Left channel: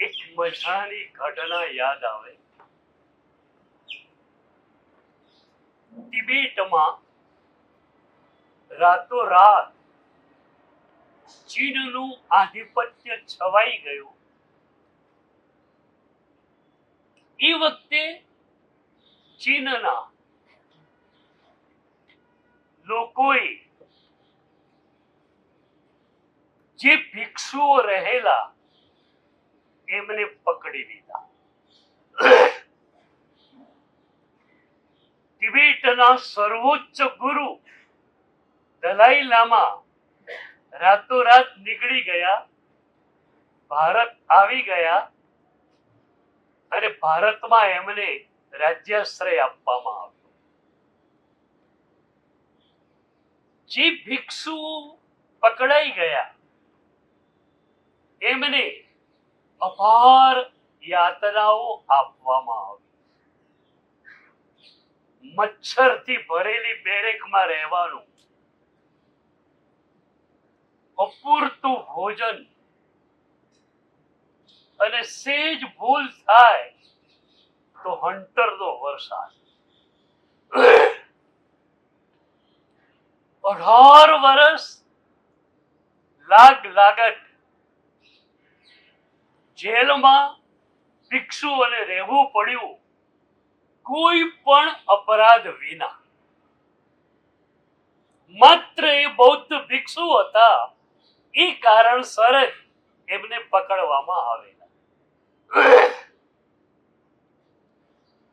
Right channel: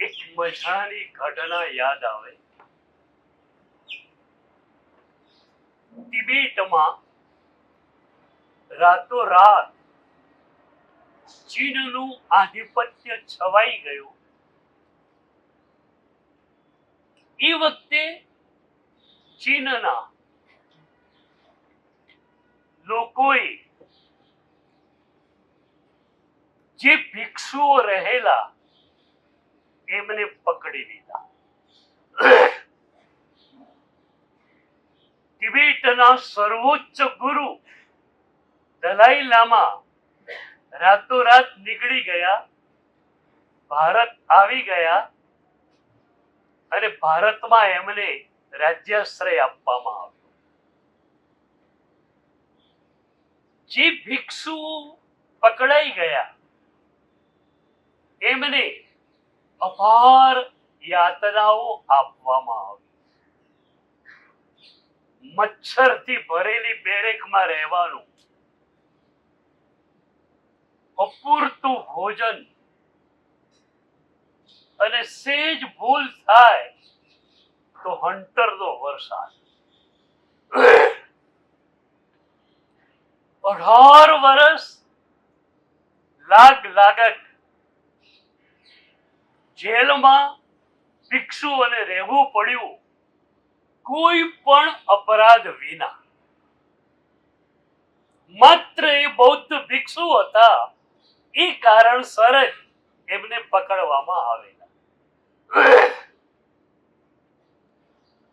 એક મજાની ઘટના યાદ આવે. તિબેટમાં રાતોરાત ચીનનું આધિપત્ય છવાઈ ગયું. એ વખતે ચીનના લોકોએ જે ભિક્ષુઓ રહેલા એમને પકડી લીધા. તિબેટના સર્વોચ્ચ ગુરુ દલાઈ લામા રાતોરાત નીકળી ગયા, ભારત આવી ગયા અને ભારતમાં એમને રાજ્યાશ્રય આપવામાં આવ્યો. જે ભિક્ષુઓ પકડાઈ ગયા એમને અપાર યાતનાઓ આપવામાં આવી. મચ્છરથી ભરેલી બેરેકમાં રહેવાનું, અપૂરતું ભોજન અને સેજ ભૂલ થાય તો હંટરનો વરસાદ. 18 વર્ષ લાગત જેલમાં ભિક્ષુઓને રહેવું પડ્યું, કોઈ પણ અપરાધ વિના. માત્ર એ બૌદ્ધ ભિક્ષુ હતા, એ કારણસર જ એમને પકડવામાં આવેલા.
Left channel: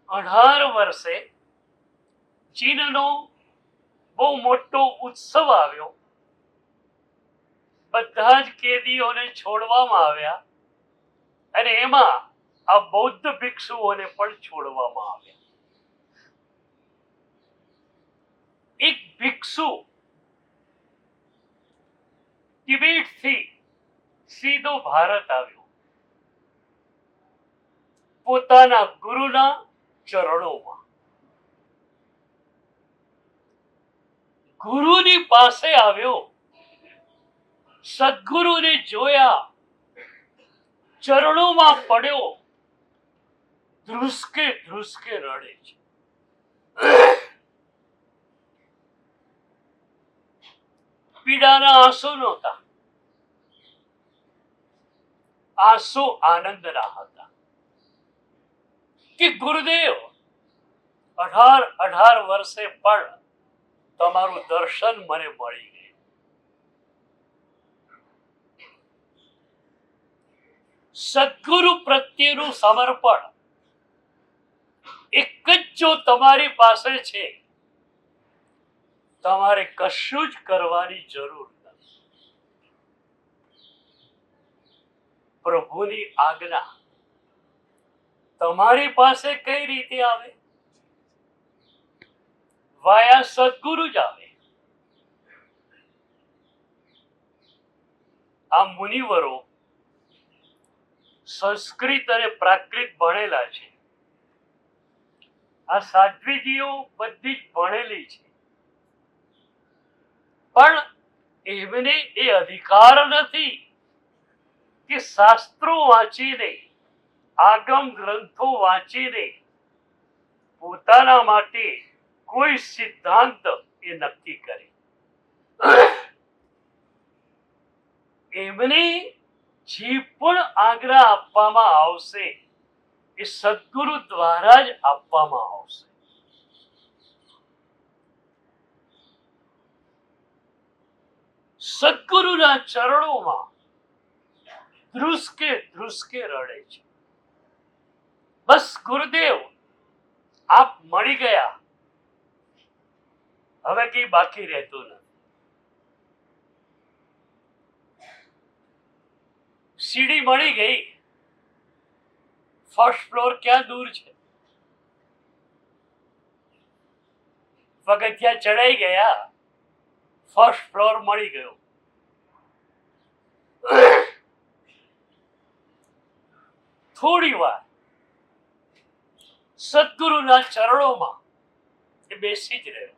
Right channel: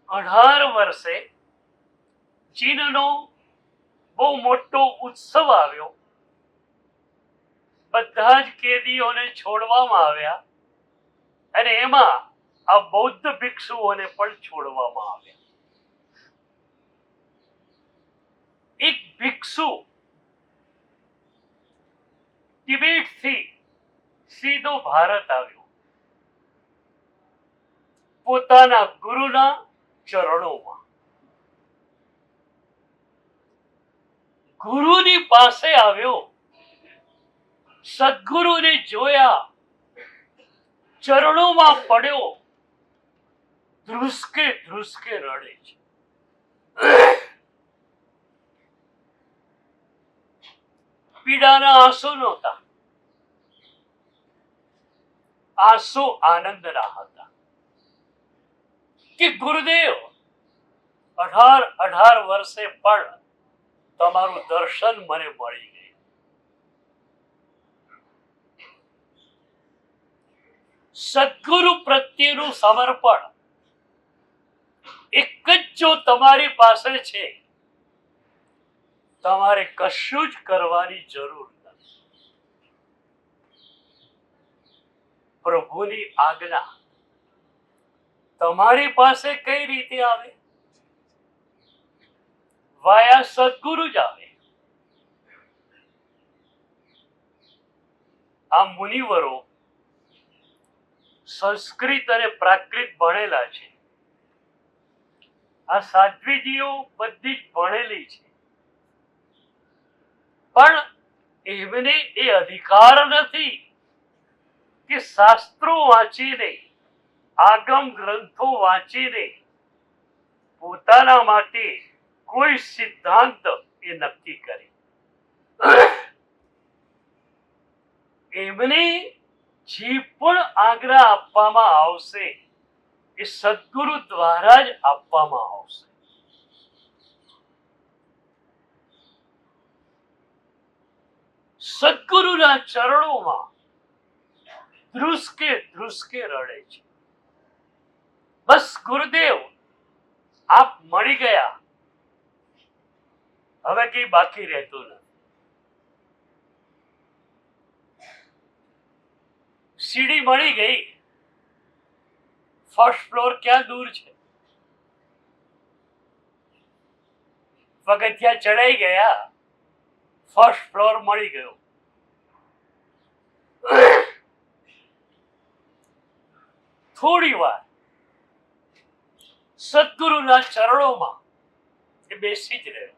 18 વર્ષે ચીનનો બહુ મોટો ઉત્સવ આવ્યો. બધા જ કેદીઓને છોડવામાં આવ્યા અને એમાં આ બૌદ્ધ ભિક્ષુઓને પણ છોડવામાં આવ્યા. એક ભિક્ષુ તિબેટથી સીધો ભારત આવ્યો, પોતાના ગુરુના ચરણોમાં. ગુરુની પાસે આવ્યો, સદગુરુને જોયા, ચરણોમાં પડ્યો, ધ્રુસકે ધ્રુસકે રડે છે. પીડાના આંસુ નહોતા, આંસુ આનંદના હતા કે ગુરુદેવ, 18 વર્ષે પણ તમારું દર્શન મને મળી ગયું. સદગુરુ પ્રત્યેનું સમર્પણ એક જ જો તમારી પાસે છે, તમારે કશું જ કરવાની જરૂર નથી. પ્રભુની આજ્ઞા તમારી પાસે કઈ રીતે આવે? વાયા સદગુરુ જ આવે. આ મુનિવરો સંસ્કૃત અને પ્રાકૃત ભણેલા છે. આ સાધ્વીજીઓ બધી જ ભણેલી છે, પણ એમને એ અધિકાર નથી કે શાસ્ત્રો વાંચીને, આગમ ગ્રંથો વાંચીને પોતાના માટે કોઈ સિદ્ધાંત એ નક્કી કરે. એમને જે પણ આજ્ઞા આપવામાં આવશે એ સદગુરુ દ્વારા જ આપવામાં આવશે. સદગુરુના ચરણોમાં ધ્રુસકે ધ્રુસકે રડે છે. બસ ગુરુદેવ, આપ મળી ગયા, હવે કઈ બાકી રહેતું નથી. સીડી મળી ગઈ, ફર્સ્ટ ફ્લોર ક્યાં દૂર છે? પગથિયા ચડાઈ ગયા, ફર્સ્ટ ફ્લોર મળી ગયો. થોડી વાર સદગુરુના ચરણોમાં એ બેસી જ રહ્યો.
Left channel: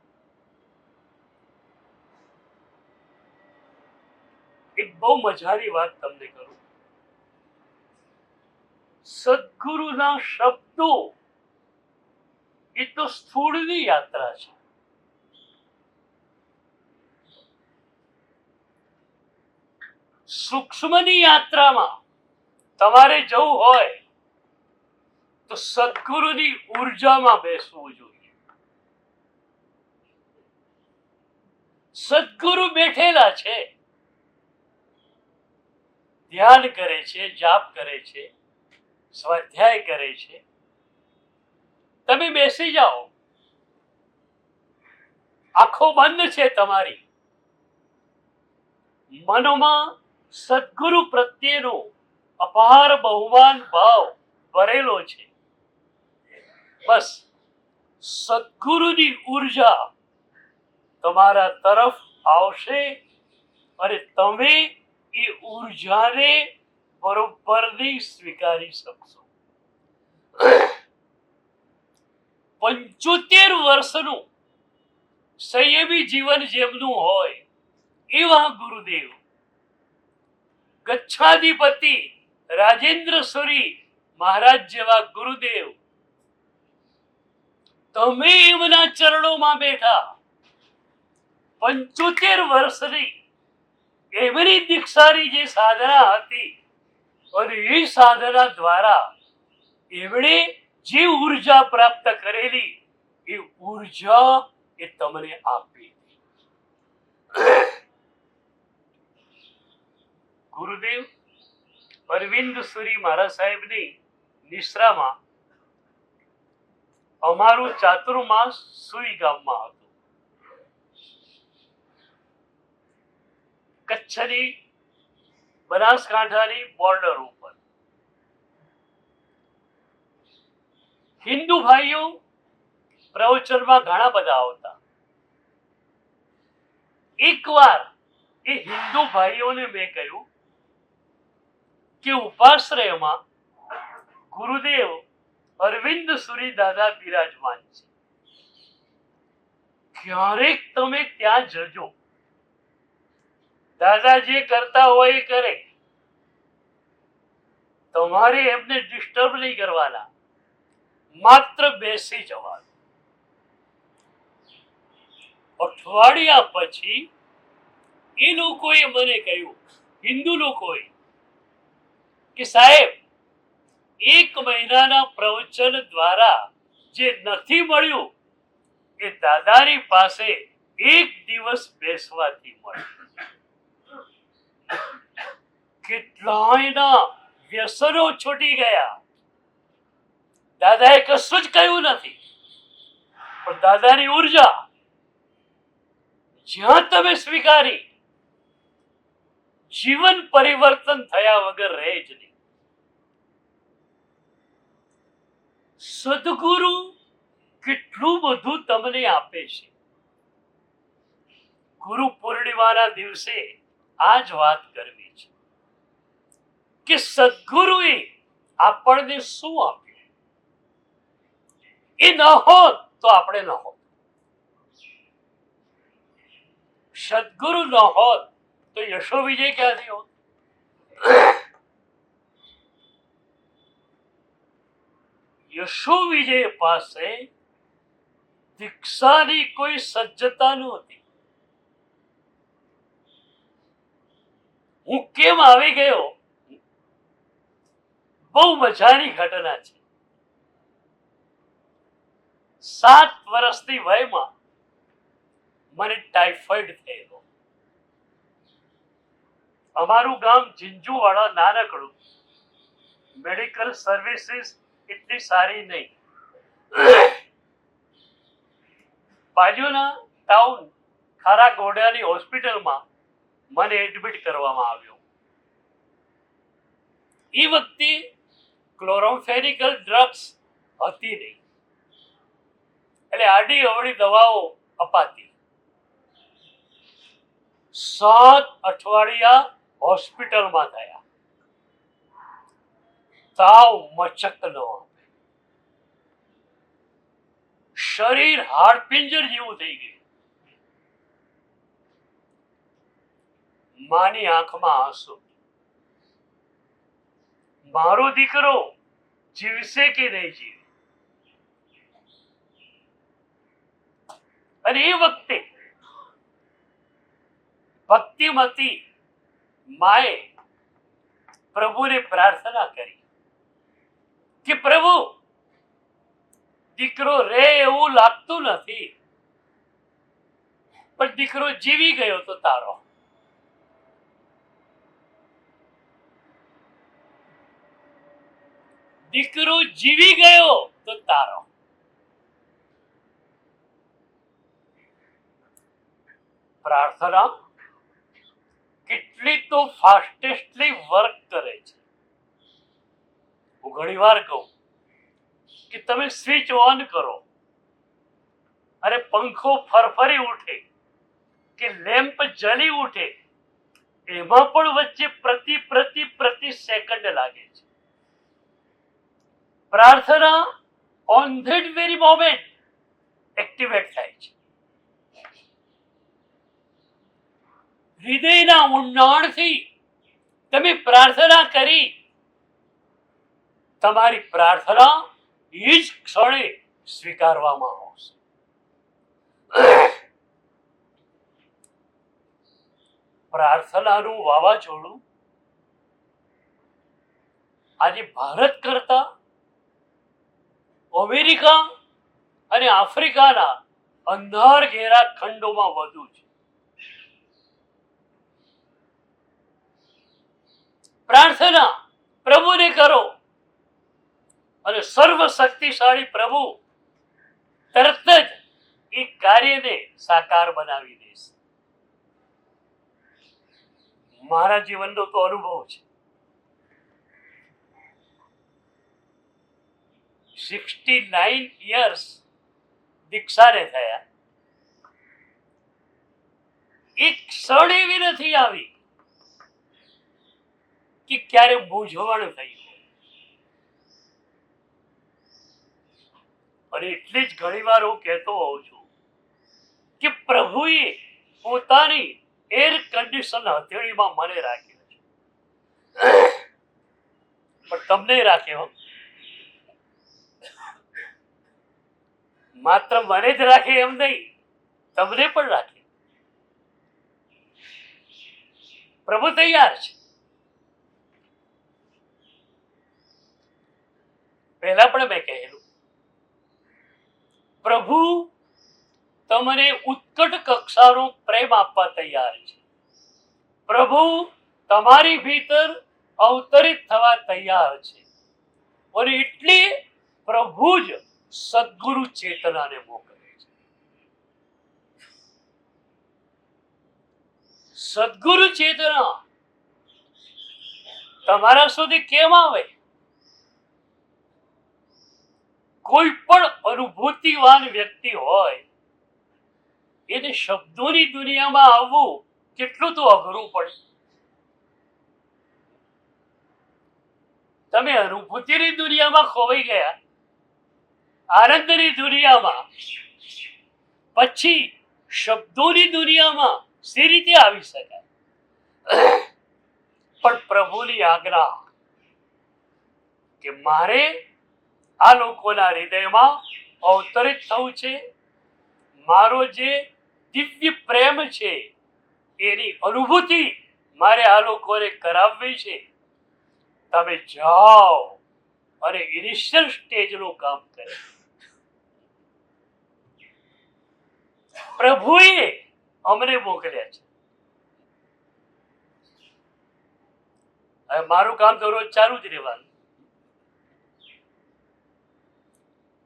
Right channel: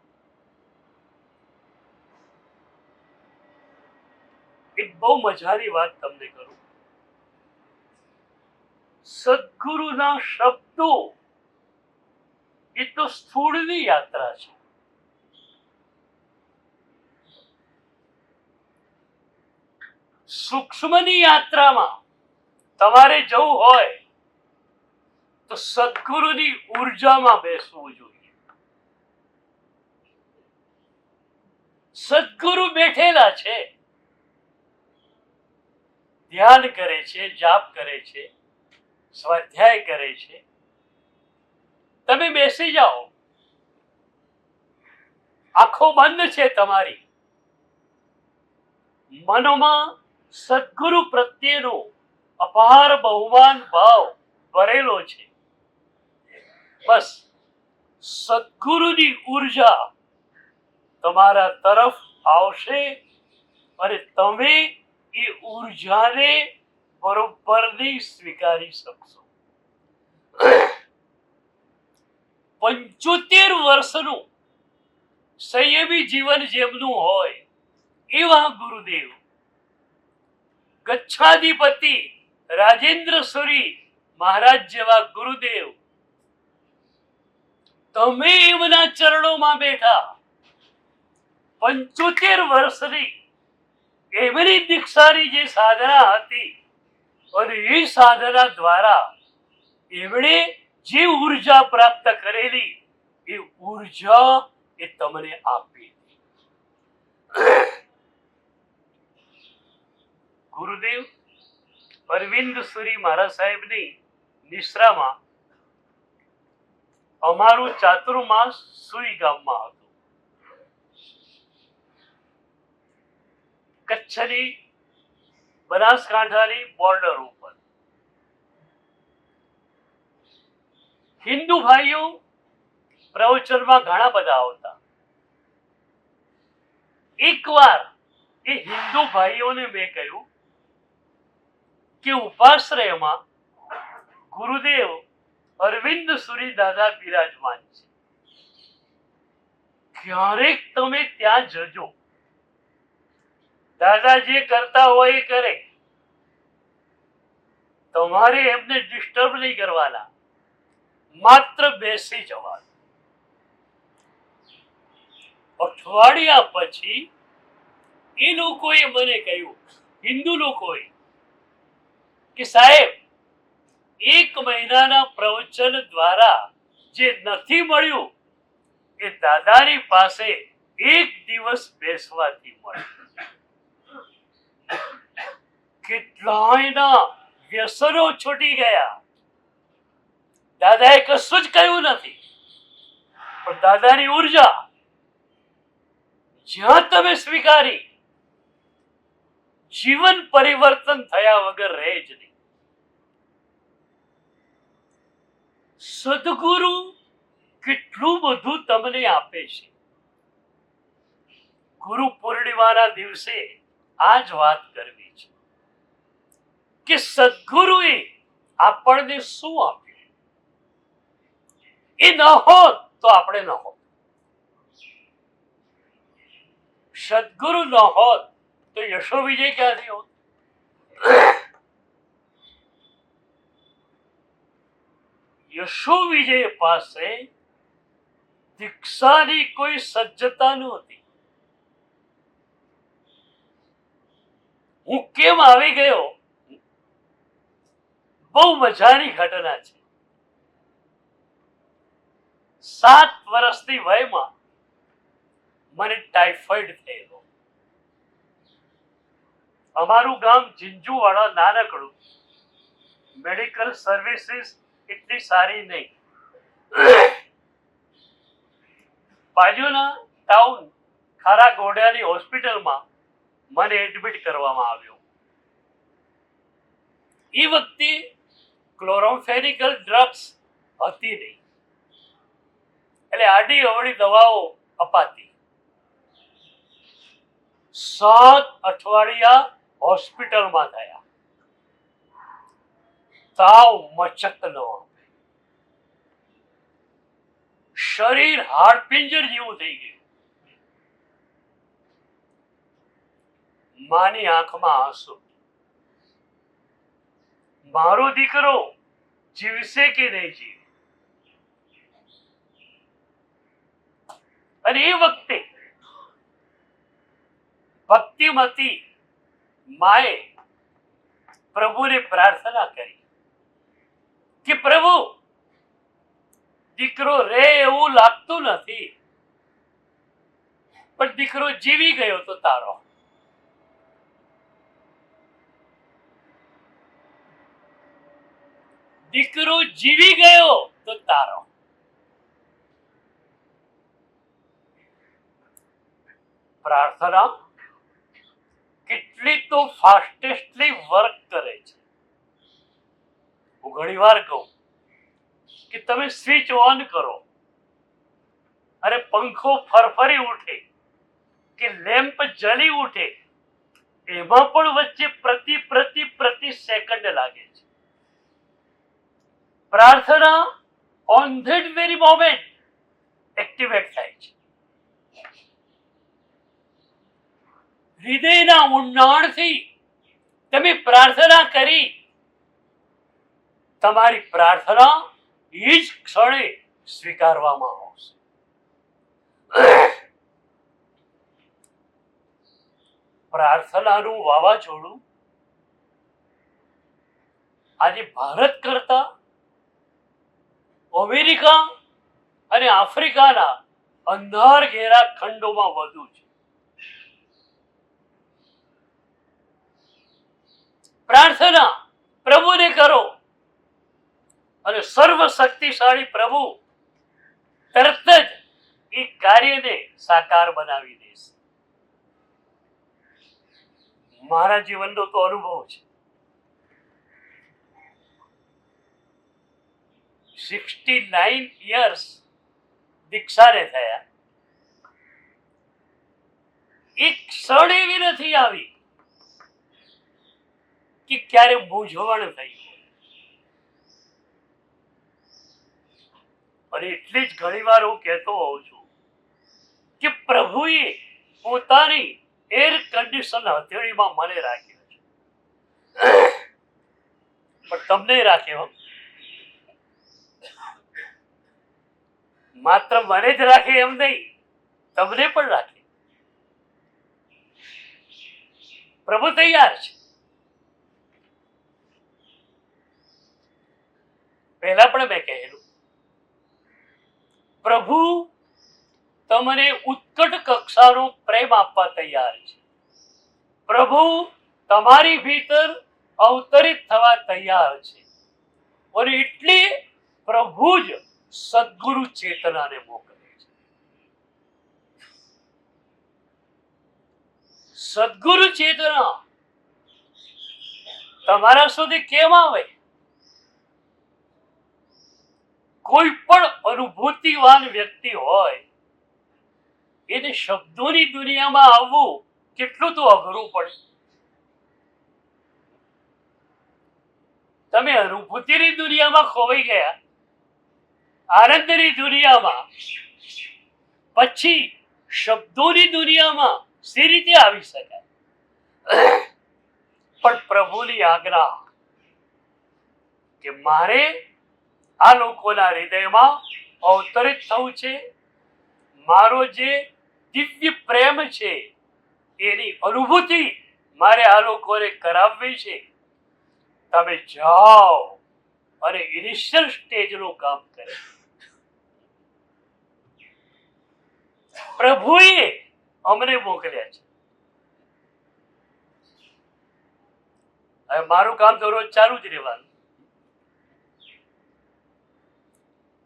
એક બહુ મજાની વાત તમને કરું. સદગુરુના શબ્દો એ તો સ્થૂળની યાત્રા છે. સૂક્ષ્મની યાત્રામાં તમારે જવું હોય તો સદગુરુની ઉર્જામાં બેસવું જોઈએ. સદગુરુ બેઠેલા છે, ધ્યાન કરે છે, જાપ કરે છે, સ્વાધ્યાય કરે છે. તમે બેસી જાઓ, આંખો બંધ છે તમારી, મનમાં સદગુરુ પ્રત્યેનો અપાર બહુમાન ભાવ ભરેલો છે. બસ સદગુરુની ઉર્જા તમારા તરફ આવશે અને તમે એ ઉર્જાને બરોબરની સ્વીકારી શકશો. 75 વર્ષનું સંયમી જીવન જેમનું હોય એવા ગુરુદેવ, ગચ્છાધિપતિ રાજેન્દ્ર સુરી મહારાજ જેવા ગુરુદેવ, તમે એમના ચરણોમાં બેઠા 75 વર્ષની એમની દીક્ષાની જે સાધના હતી અને એ સાધના દ્વારા એમણે જે ઉર્જા પ્રાપ્ત કરેલી એ ઉર્જા એ તમને આપી. ગુરુદેવ અરવિંદ સુરી મહારાજ સાહેબની નિશ્રામાં અમારું ચાતુર્માસ સુઈ ગામમાં હતું. કચ્છની બનાસકાંઠાની બોર્ડર ઉપર. હિન્દુ ભાઈઓ પ્રવચનમાં ઘણા બધા આવતા. એકવાર એ હિન્દુ ભાઈઓને મેં કહ્યું કે ઉપાશ્રયમાં ગુરુદેવ અરવિંદ સુરી દાદા બિરાજમાન છે, ક્યારેક તમે ત્યાં જજો. દાદા જે કરતા હોય એ કરે, તમારે એમને ડિસ્ટર્બ નહીં કરવાના, માત્ર બેસી જવાનું. અઠવાડિયા પછી એ લોકોએ મને કહ્યું, હિન્દુ લોકોએ, કે સાહેબ 1 મહિનાના પ્રવચન દ્વારા જે નથી મળ્યું એ દાદાની પાસે 1 દિવસ બેસવાથી મળ્યું. કેટલાયના વ્યસનો છૂટી ગયા. દાદાએ કશું જ કહ્યું નથી, પણ દાદાની ઉર્જા જ્યાં તમે સ્વીકારી, જીવન પરિવર્તન થયા વગર રહે જ નહીં. સદગુરુ કેટલું બધું તમને આપે છે. ગુરુ પૂર્ણિમાના દિવસે આ જ વાત કરવી છે કે સદગુરુએ આપણને શું આપ્યું. એ ન હોત તો આપણે ન હોત. સદગુરુ ન હોત તો યશો વિજય ક્યાંથી હોત. યશો વિજય પાસે દીક્ષાની કોઈ સજ્જતા નહોતી. હું કેમ આવી ગયો, બહુ મજાની ઘટના છે. 7 વર્ષની વયમાં મને ટાઇફોઇડ થયેલો. અમારું ગામ ઝીંઝુવાડા નાનકડું, મેડિકલ સર્વિસીસ એટલી સારી નહીં. બાજુના ટાઉન ખારા ગોડિયાની હોસ્પિટલમાં મને એડમિટ કરવામાં આવ્યો. એ વખતે ક્લોરોમ્ફેનિકલ ડ્રગ્સ હતી નહીં, એટલે આડી અવળી દવાઓ અપાતી. 7 અઠવાડિયા હોસ્પિટલમાં થયા. તાવ મચક ન આવે, શરીર હાડપિંજર જેવું થઈ ગયું. માની આંખમાં આંસુ. મારો દીકરો જીવશે કે નહીં જીવે. અને એ વખતે ભક્તિમતી માએ પ્રભુને પ્રાર્થના કરી કે પ્રભુ, દીકરો રે એવું લાગતું નથી, પણ દીકરો જીવી ગયો તો તારો. દીકરો જીવી ગયો તો તારો. પ્રાર્થના કેટલી તો ફાસ્ટેસ્ટલી વર્ક કરે છે. હું ઘણી વાર કહું કે તમે સ્વિચ ઓન કરો અને પંખો ફરફરી ઉઠે કે લેમ્પ જલી ઉઠે, એમાં પણ વચ્ચે પ્રતિ સેકન્ડ લાગે છે. પ્રાર્થના on that very moment activate થાય છે. હૃદયના ઊંડાણથી તમે પ્રાર્થના કરી, તમારી પ્રાર્થના એ જ ક્ષણે સ્વીકારવામાં આવશે. પ્રાર્થનાનું વાવાઝોડું આજે ભારત કરતા અમેરિકા અને આફ્રિકાના અંધાર ઘેરા ખંડોમાં વધુ છે. પ્રાર્થના પ્રભુને કરો અને સર્વ શક્તિશાળી પ્રભુ તરત જ એ કાર્યને સાકાર બનાવી દેશે. મારા જીવનનો તો અનુભવ છે. 69 યર્સ દીક્ષાને થયા, એક ક્ષણ એવી નથી આવી કે ક્યારે મૂંઝવણ થઈ. અને એટલે જ ઘણી વાર હું કહેતો હોઉં છું કે પ્રભુએ પોતાની એર કન્ડિશન હથેળીમાં મને રાખ્યો છે, પણ તમને રાખ્યો. માત્ર મને જ રાખે એમ નહીં, તમને પણ રાખે. પ્રભુ તૈયાર છે. પહેલા પણ મેં કહેલું, પ્રભુ તમને ઉત્કટ કક્ષાનો પ્રેમ આપવા તૈયાર છે. પ્રભુ તમારી ભીતર અવતરિત થવા તૈયાર છે. અને એટલે પ્રભુ જ સદગુરુ ચેતનાને મોકલે છે. સદગુરુ ચેતના તમારા સુધી કેમ આવે? કોઈ પણ અનુભૂતિવાન વ્યક્તિ હોય એને શબ્દોની દુનિયામાં આવવું કેટલું તો અઘરું પડે. તમે અનુભૂતિની દુનિયામાં ખોવાઈ ગયા, આનંદની દુનિયામાં, પછી શબ્દોની દુનિયામાં સી રીતે આવી શકાય? પણ પ્રભુની આજ્ઞા કે મારે આ લોકોના હૃદયમાં અવતરિત થવું છે, મારો જે દિવ્ય પ્રેમ છે એની અનુભૂતિ મારે આ લોકોને કરાવવી છે. તમે જાઓ અને ઇનિશિયલ સ્ટેજનું કામ કરે. પ્રભુએ અમને મોકલ્યા છે. હવે મારું કામ તો રોજ ચાલુ જ રહેવાનું.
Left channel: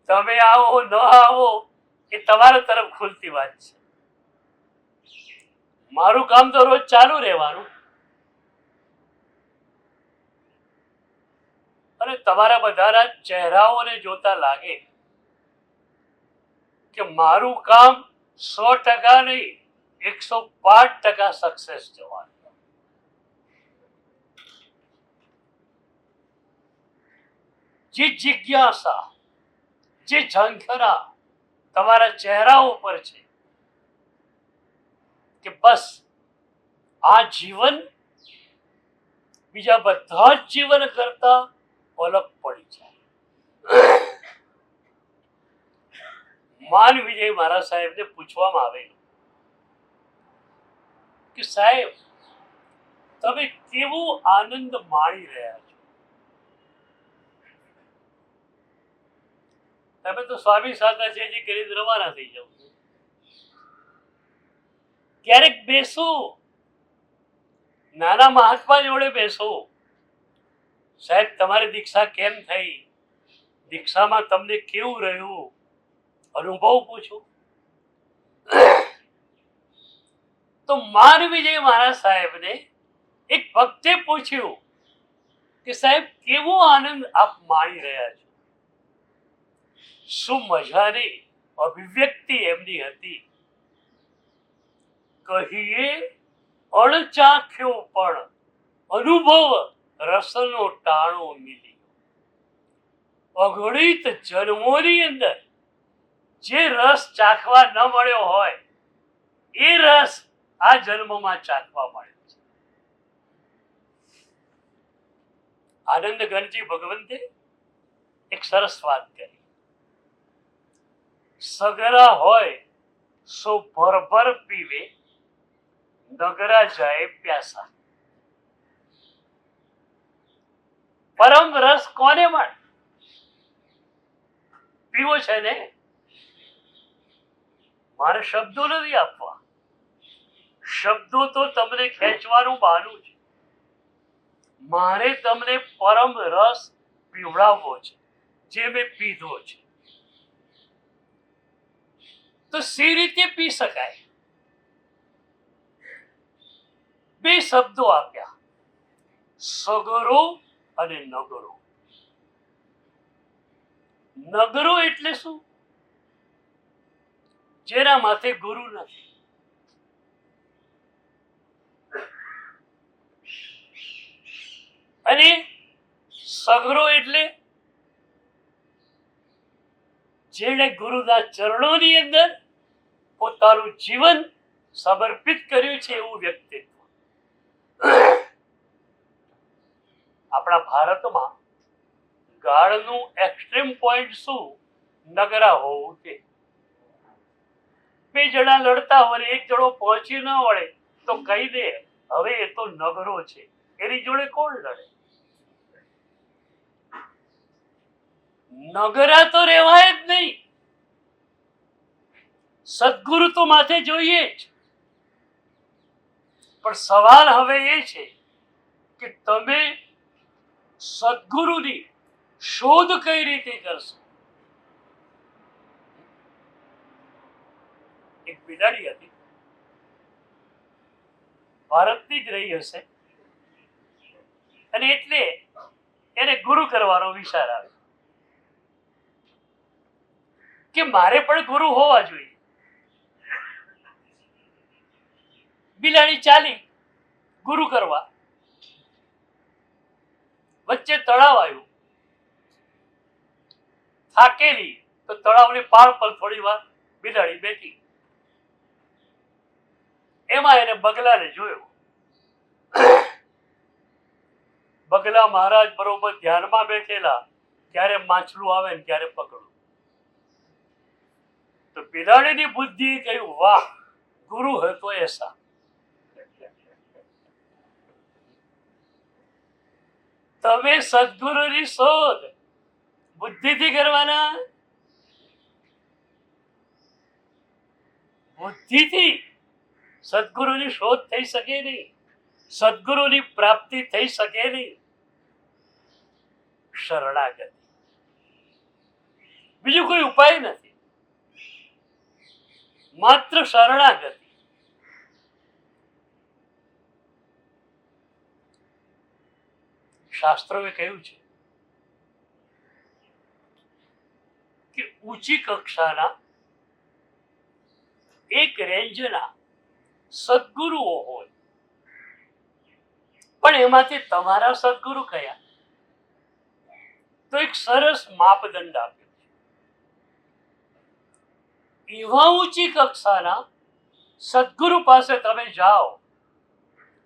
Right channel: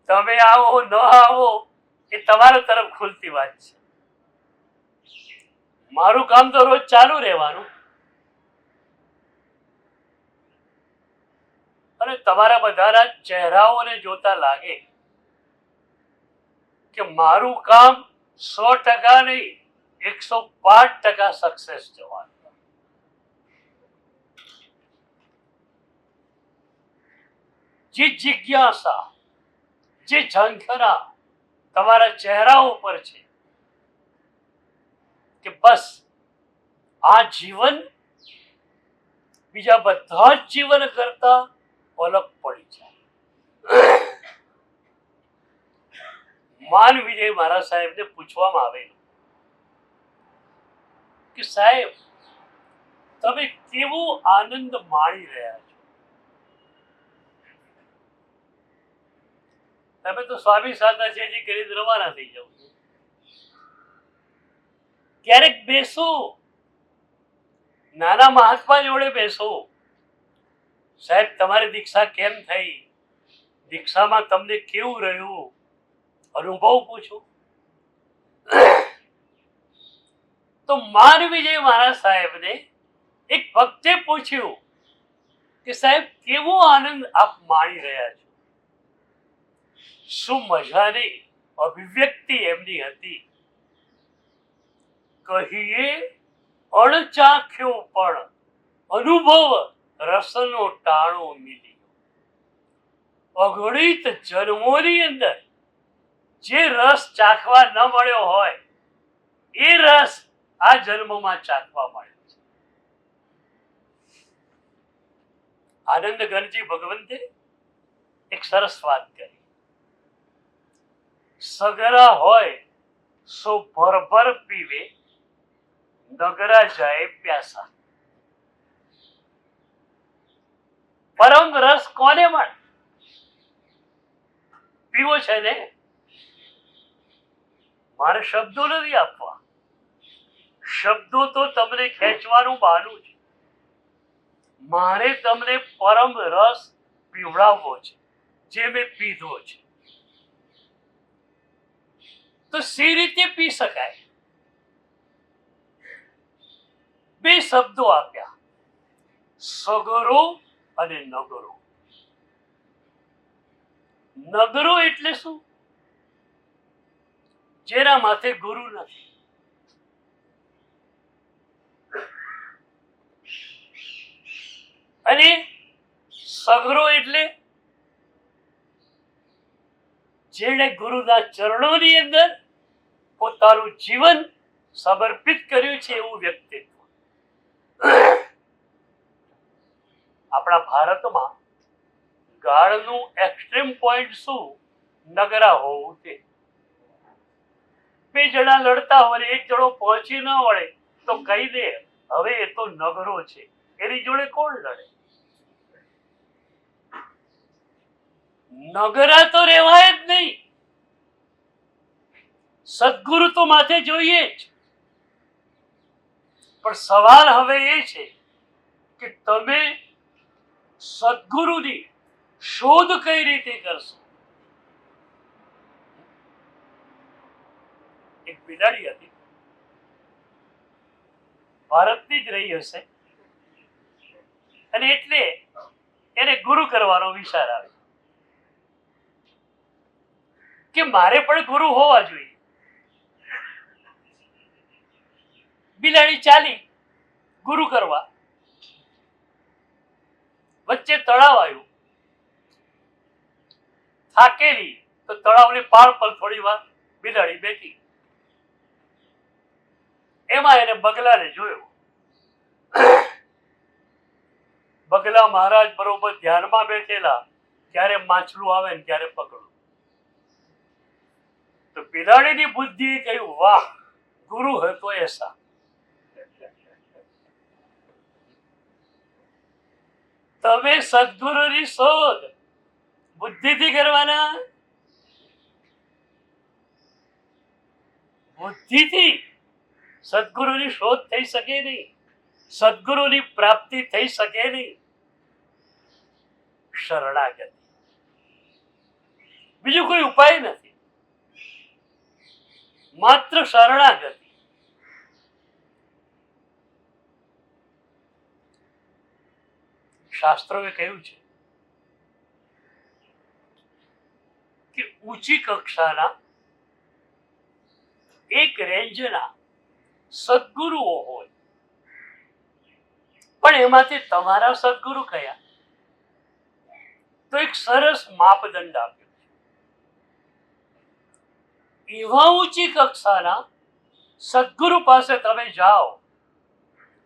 તમે આવો ન આવો એ તમારા તરફ ખુલતી વાત છે. મારું કામ તો રોજ ચાલુ રહેવાનું. અને તમારા બધાના ચહેરાઓને જોતા લાગે કે મારું કામ 100% નહીં, 105% સક્સેસ જવાનું. જે જિજ્ઞાસા, જે ઝંખના તમારા ચહેરા ઉપર છે કે બસ આ જીવન બીજા બધા જ જીવન કરતા અલગ પડી જાય. માન વિજય મહારાજ સાહેબને પૂછવામાં આવેલું કે સાહેબ તમે કેવો આનંદ માણી રહ્યા છો? તમે તો સ્વામી સાધના છે જે કરી રવાના થઈ જાવ. ક્યારેક બેસો, નાના મહાત્મા જોડે બેસો. સાહેબ તમારી દીક્ષા કેમ થઈ? દીક્ષામાં તમને કેવું રહ્યું? અનુભવ પૂછો. તો માન વિજય મહારાજ સાહેબને એક ભક્તે પૂછ્યું કે સાહેબ કેવો આનંદ આપ માણી રહ્યા છો? શું મજાની અભિવ્યક્તિ એમની હતી. કહીએ અણચાખ્યો પણ અનુભવ રસનો ટાણો મિલી. અગણિત જન્મોની અંદર જે રસ ચાખવા ન મળ્યો હોય એ રસ આ જન્મમાં ચાખવા મળ્યો છે. આનંદ ઘનજી ભગવંતે એક સરસ વાત કરી. સગરા હોય સો ભરભર પીવે, નગરા જાય પ્યાસા. પરમ રસ કોને મળે? પીવો છે ને. મારે શબ્દો નથી આપવા, શબ્દો તો તમને ખેંચવાનું બહાનું છે. મારે તમને પરમ રસ પીવડાવવો છે જે મેં પીધો છે. તો સી રીતે પી શકાય? બે શબ્દો આપ્યા, સગરો અને નગરો. નગરો એટલે શું? જેના માથે ગુરુ નથી. અને સગરો એટલે જેણે ગુરુના ચરણોની અંદર પોતાનું જીવન સમર્પિત કર્યું છે એવું વ્યક્તિત્વ. આપણા ભારતમાં ગાળનું એક્સ્ટ્રીમ પોઈન્ટ શું? નગરા હોવું તે. બે જણા લડતા હોય એક જણો પહોંચી ન વળે તો કહી દે હવે એ તો નગરો છે, એની જોડે કોણ લડે? નગરા તો રહેવાય જ નહીં. સદગુરુ તો માથે જોઈએ જ. પણ સવાલ હવે એ છે કે તમે સદગુરુની શોધ કઈ રીતે કરશો? એક બિલાડી હતી, ભારતની જ રહી હશે, અને એટલે એને ગુરુ કરવાનો વિચાર આવ્યો કે મારે પણ ગુરુ હોવા જોઈએ. બિલાડી ચાલી ગુરુ કરવા. વચ્ચે તળાવ આવ્યું. થાકેલી તો તળાવની પાળ પર થોડી વાર બિલાડી બેઠી. એમાં એને બગલાને જોયો. બગલા મહારાજ બરોબર ધ્યાનમાં બેઠેલા, ક્યારે માછલું આવે ને ક્યારે પકડું. તો બિલાડીની બુદ્ધિએ કહ્યું વાહ, ગુરુ હે તો એસા. તમે સદગુરુની શોધ બુદ્ધિથી કરવાના. બુદ્ધિથી સદગુરુની શોધ થઈ શકે નહીં, સદગુરુની પ્રાપ્તિ થઈ શકે નહીં. શરણાગતિ, બીજું કોઈ ઉપાય નથી, માત્ર શરણાગતિ. શાસ્ત્રોએ કહ્યું છે કે ઊંચી કક્ષાના એક રેન્જના સદગુરુઓ હોય, પણ એમાંથી તમારા સદગુરુ કયા? તો એક સરસ માપદંડ આપ્યો છે. એવા ઊંચી કક્ષાના સદગુરુ પાસે તમે જાઓ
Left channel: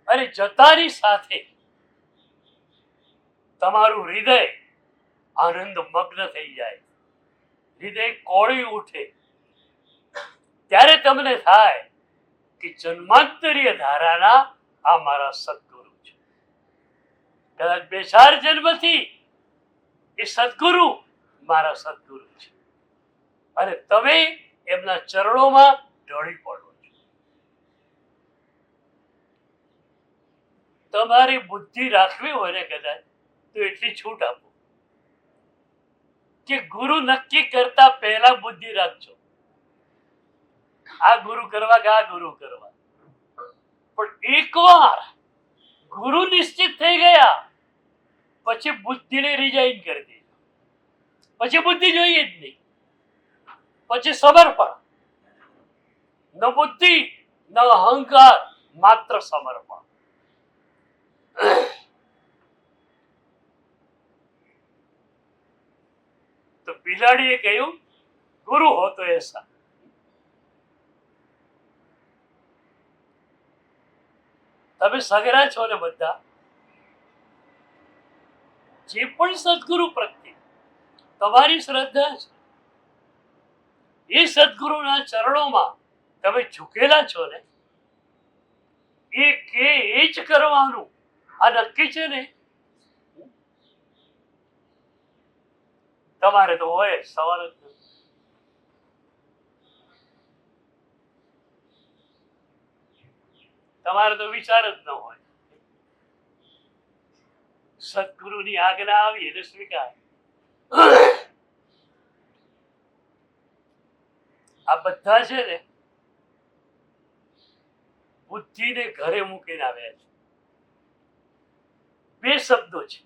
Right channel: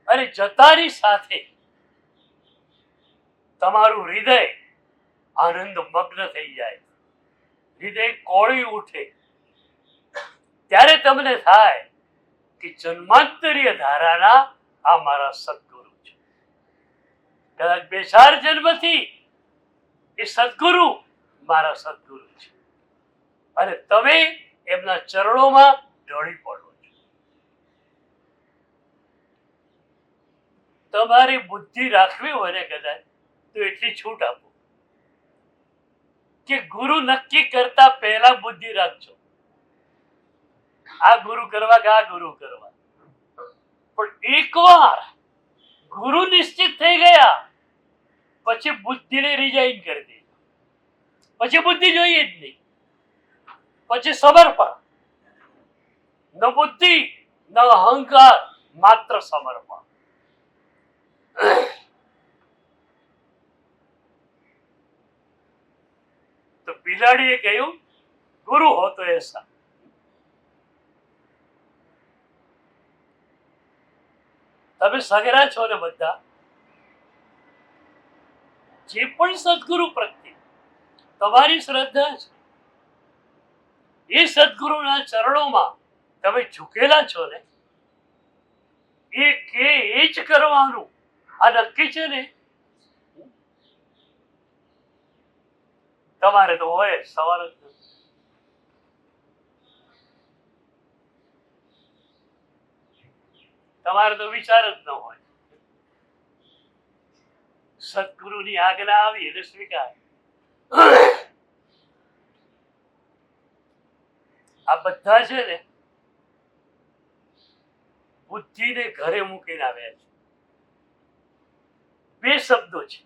અને જતાની સાથે તમારું હૃદય આનંદ મગ્ન થઈ જાય, હૃદય કોળી ઉઠે, ત્યારે તમને થાય કે જન્માંતરીય ધારાના આ મારા સદગુરુ છે. કદાચ 2-4 જન્મથી એ સદગુરુ મારા સદગુરુ છે અને તમે એમના ચરણોમાં ઢળી પડો છો. તમારી બુદ્ધિ રાખવી હોય ને કદાચ તો એટલી છૂટ આપો કે ગુરુ નક્કી કરતા પહેલા બુદ્ધિ રાખજો, આ ગુરુ કરવા કે આ ગુરુ કરવા. પણ એકવાર ગુરુ નિશ્ચિત થઈ ગયા પછી બુદ્ધિને રિઝાઇન કરી દે, પછી બુદ્ધિ જોઈએ જ નહીં, પછી સમર્પણ. ન બુદ્ધિ ન અહંકાર, માત્ર સમર્પણ. તો બિલાડીએ કહ્યું ગુરુ હો તો એસા. તમે સગરા છો ને બધા, જે પણ સદગુરુ પ્રત્યે તમારી શ્રદ્ધા છે એ સદગુરુના ચરણોમાં તમે ઝૂકેલા છો ને, એ કે એ જ કરવાનું આ નક્કી છે ને. તમારે તો હોય સવાલ જ નથી. તમારે તો વિચાર જ ન હોય. સદગુરુની આજ્ઞા આવી એટલે સ્વીકાર. આ બધા છે ને બુદ્ધિને ઘરે મૂકીને આવ્યા છે. 2 શબ્દો છે,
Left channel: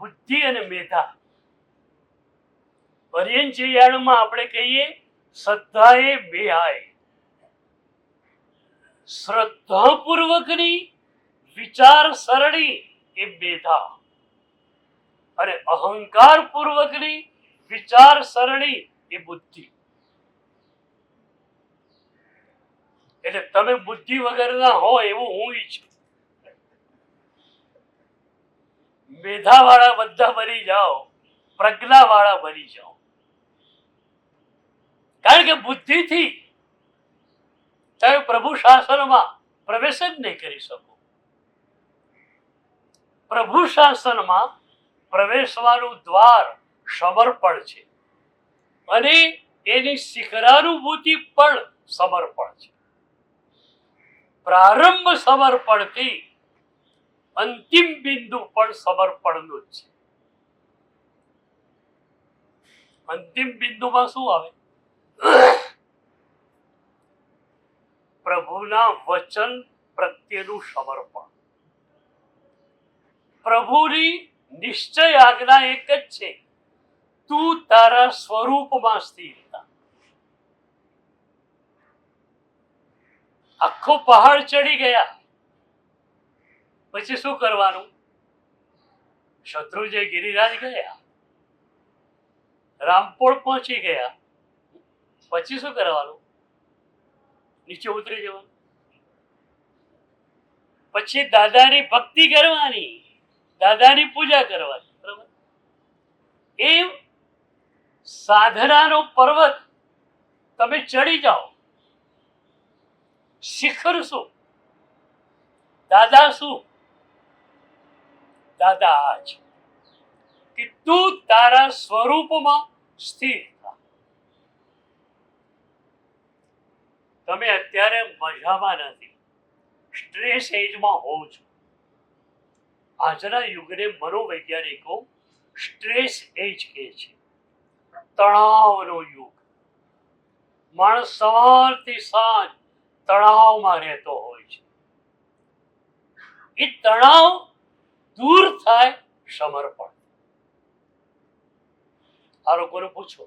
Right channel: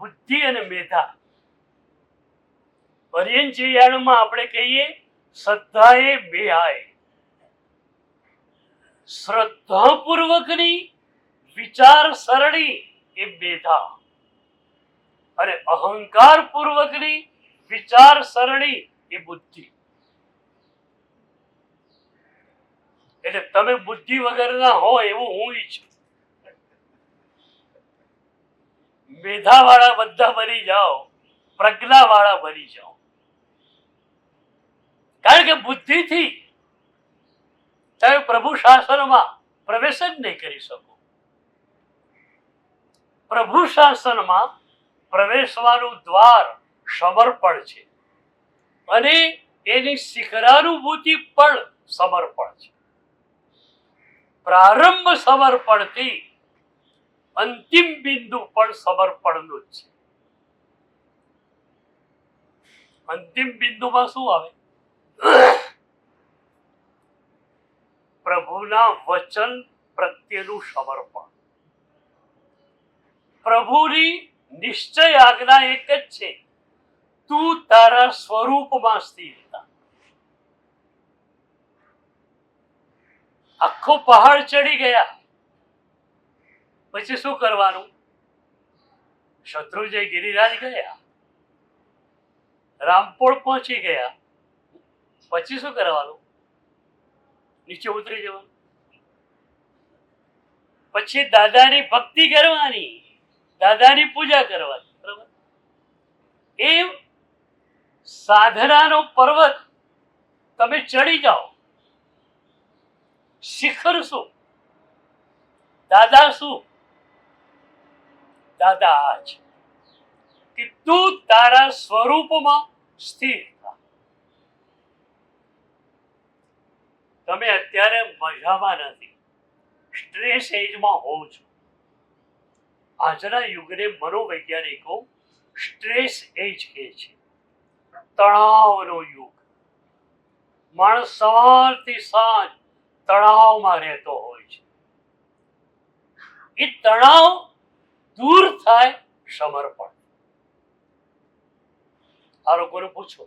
બુદ્ધિ અને મેધા. પર્યંચયાણમાં આપણે કહીએ શ્રદ્ધાએ બેહાય. શ્રદ્ધાપૂર્વકની વિચાર સરણી એ મેધા અને અહંકાર પૂર્વકની વિચાર સરણી એ બુદ્ધિ. એટલે તમે બુદ્ધિ વગરના હો એવું હું ઈચ્છું. મેધા વાળા બધા બની જાઓ, પ્રજ્ઞા વાળા બની જાઓ. કારણ કે બુદ્ધિથી તમે પ્રભુ શાસનમાં પ્રવેશ જ નહીં કરી શકો. પ્રભુ શાસનમાં પ્રવેશવાનું દ્વાર સમર્પણ છે અને એની શિખરાનુભૂતિ પણ સમર્પણ છે. પ્રારંભ સમર્પણથી અંતિમ બિંદુ પણ સમર્પણનું જ છે. અંતિમ બિંદુમાં શું આવે? પ્રભુના વચન પ્રત્યેનું સમર્પણ. પ્રભુની નિશ્ચય આજ્ઞા એક જ છે, તું તારા સ્વરૂપમાં સ્થિર થા. આખો પહાડ ચડી ગયા પછી શું કરવાનું? શત્રુંજય ગિરિરાજ ગયા, રામપોળ પહોંચી ગયા પછી શું કરવાનું? નીચે ઉતરી જવાનું. પછી દાદાની ભક્તિ કરવાની, દાદાની પૂજા કરવાની. બરાબર? એ સાધનાનો પર્વત તમે ચડી જાઓ. શિખર શું? દાદા શું? દાદા આજ કે તું તારા સ્વરૂપમાં સ્થિર થા. તમે અત્યારે મજામાં નથી, સ્ટ્રેસ એજમાં હોવ છો. આજના યુગને મનોવૈજ્ઞાનિકો સ્ટ્રેસ એજ કહે છે, તણાવનો યુગ. માણસ સવારથી સાંજ તણાવમાં રહેતો હોય છે. એ તણાવ દૂર થાય સમર્પણ. આ લોકોને પૂછો,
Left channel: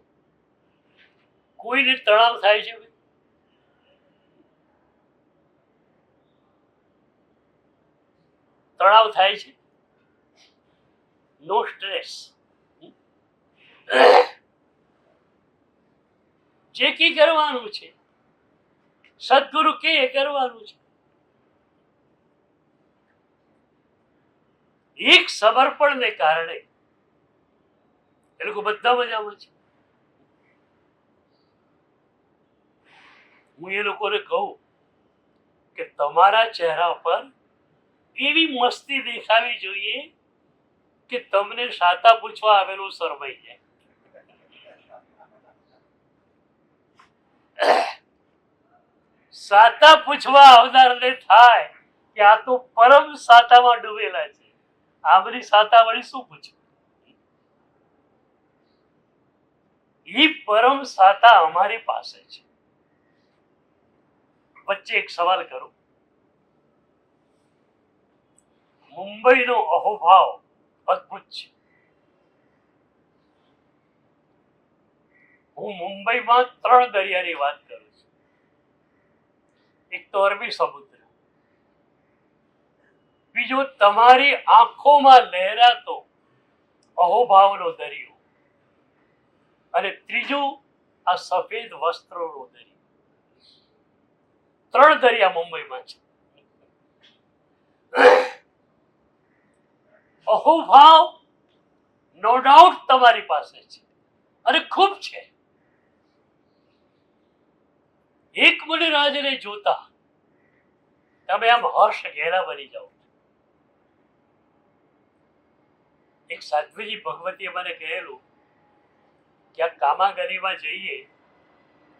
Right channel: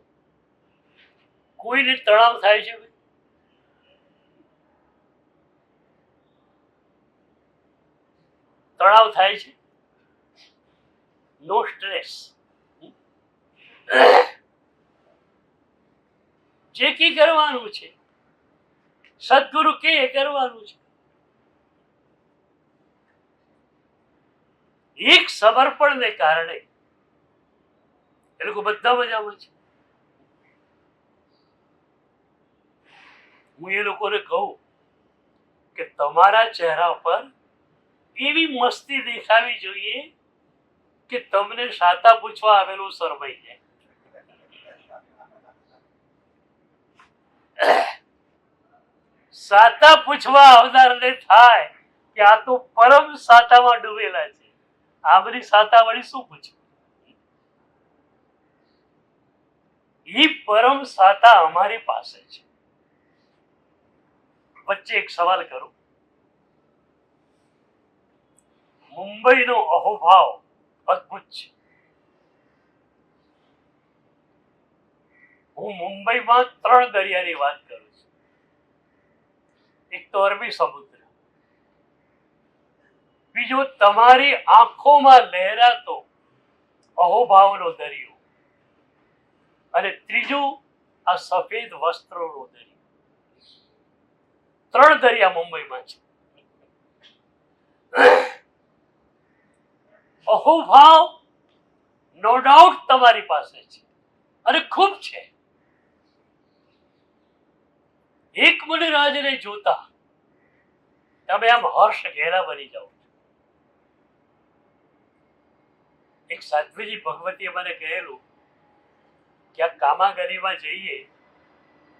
કોઈને તણાવ થાય છે? તણાવ થાય છે? નો સ્ટ્રેસ. જે કી કરવાનું છે, સદગુરુ કે કરવાનું છે. એક સમર્પણને કારણે એ લોકો બધા મજામાં છે. હું એ લોકોને કહું કે તમારા ચહેરા પર એવી મસ્તી દેખાવી જોઈએ કે તમને સાતા પૂછવા આવેલું શરમાઈ જાય. સાતા પૂછવા આવનારને થાય કે આ તો પરમ સાતામાં ડૂબેલા છે, આ બધી સાતા વળી શું પૂછે? એ પરમ સાતા અમારી પાસે છે. વચ્ચે એક સવાલ કરું. મુંબઈનો અહોભાવ અદ્ભુત છે. હું મુંબઈમાં 3 દરિયાની વાત કરું છું. એક તો અરબી સમુદ્ર, બીજો તમારી આંખોમાં લહેરાતો અહોભાવનો દરિયો, અને ત્રીજું આ સફેદ વસ્ત્રોનો દરિયો. 3 દરિયા મુંબઈમાં છે. અહોભાવ નો ડાઉટ તમારી પાસે છે અને ખૂબ છે. એકમલરાજને જોતા તમે આમ હર્ષ ઘેરા બની જાઓ. એક સાધ્વીજી ભગવતીએ મને કહેલું કે આ કામાગરીમાં જઈએ,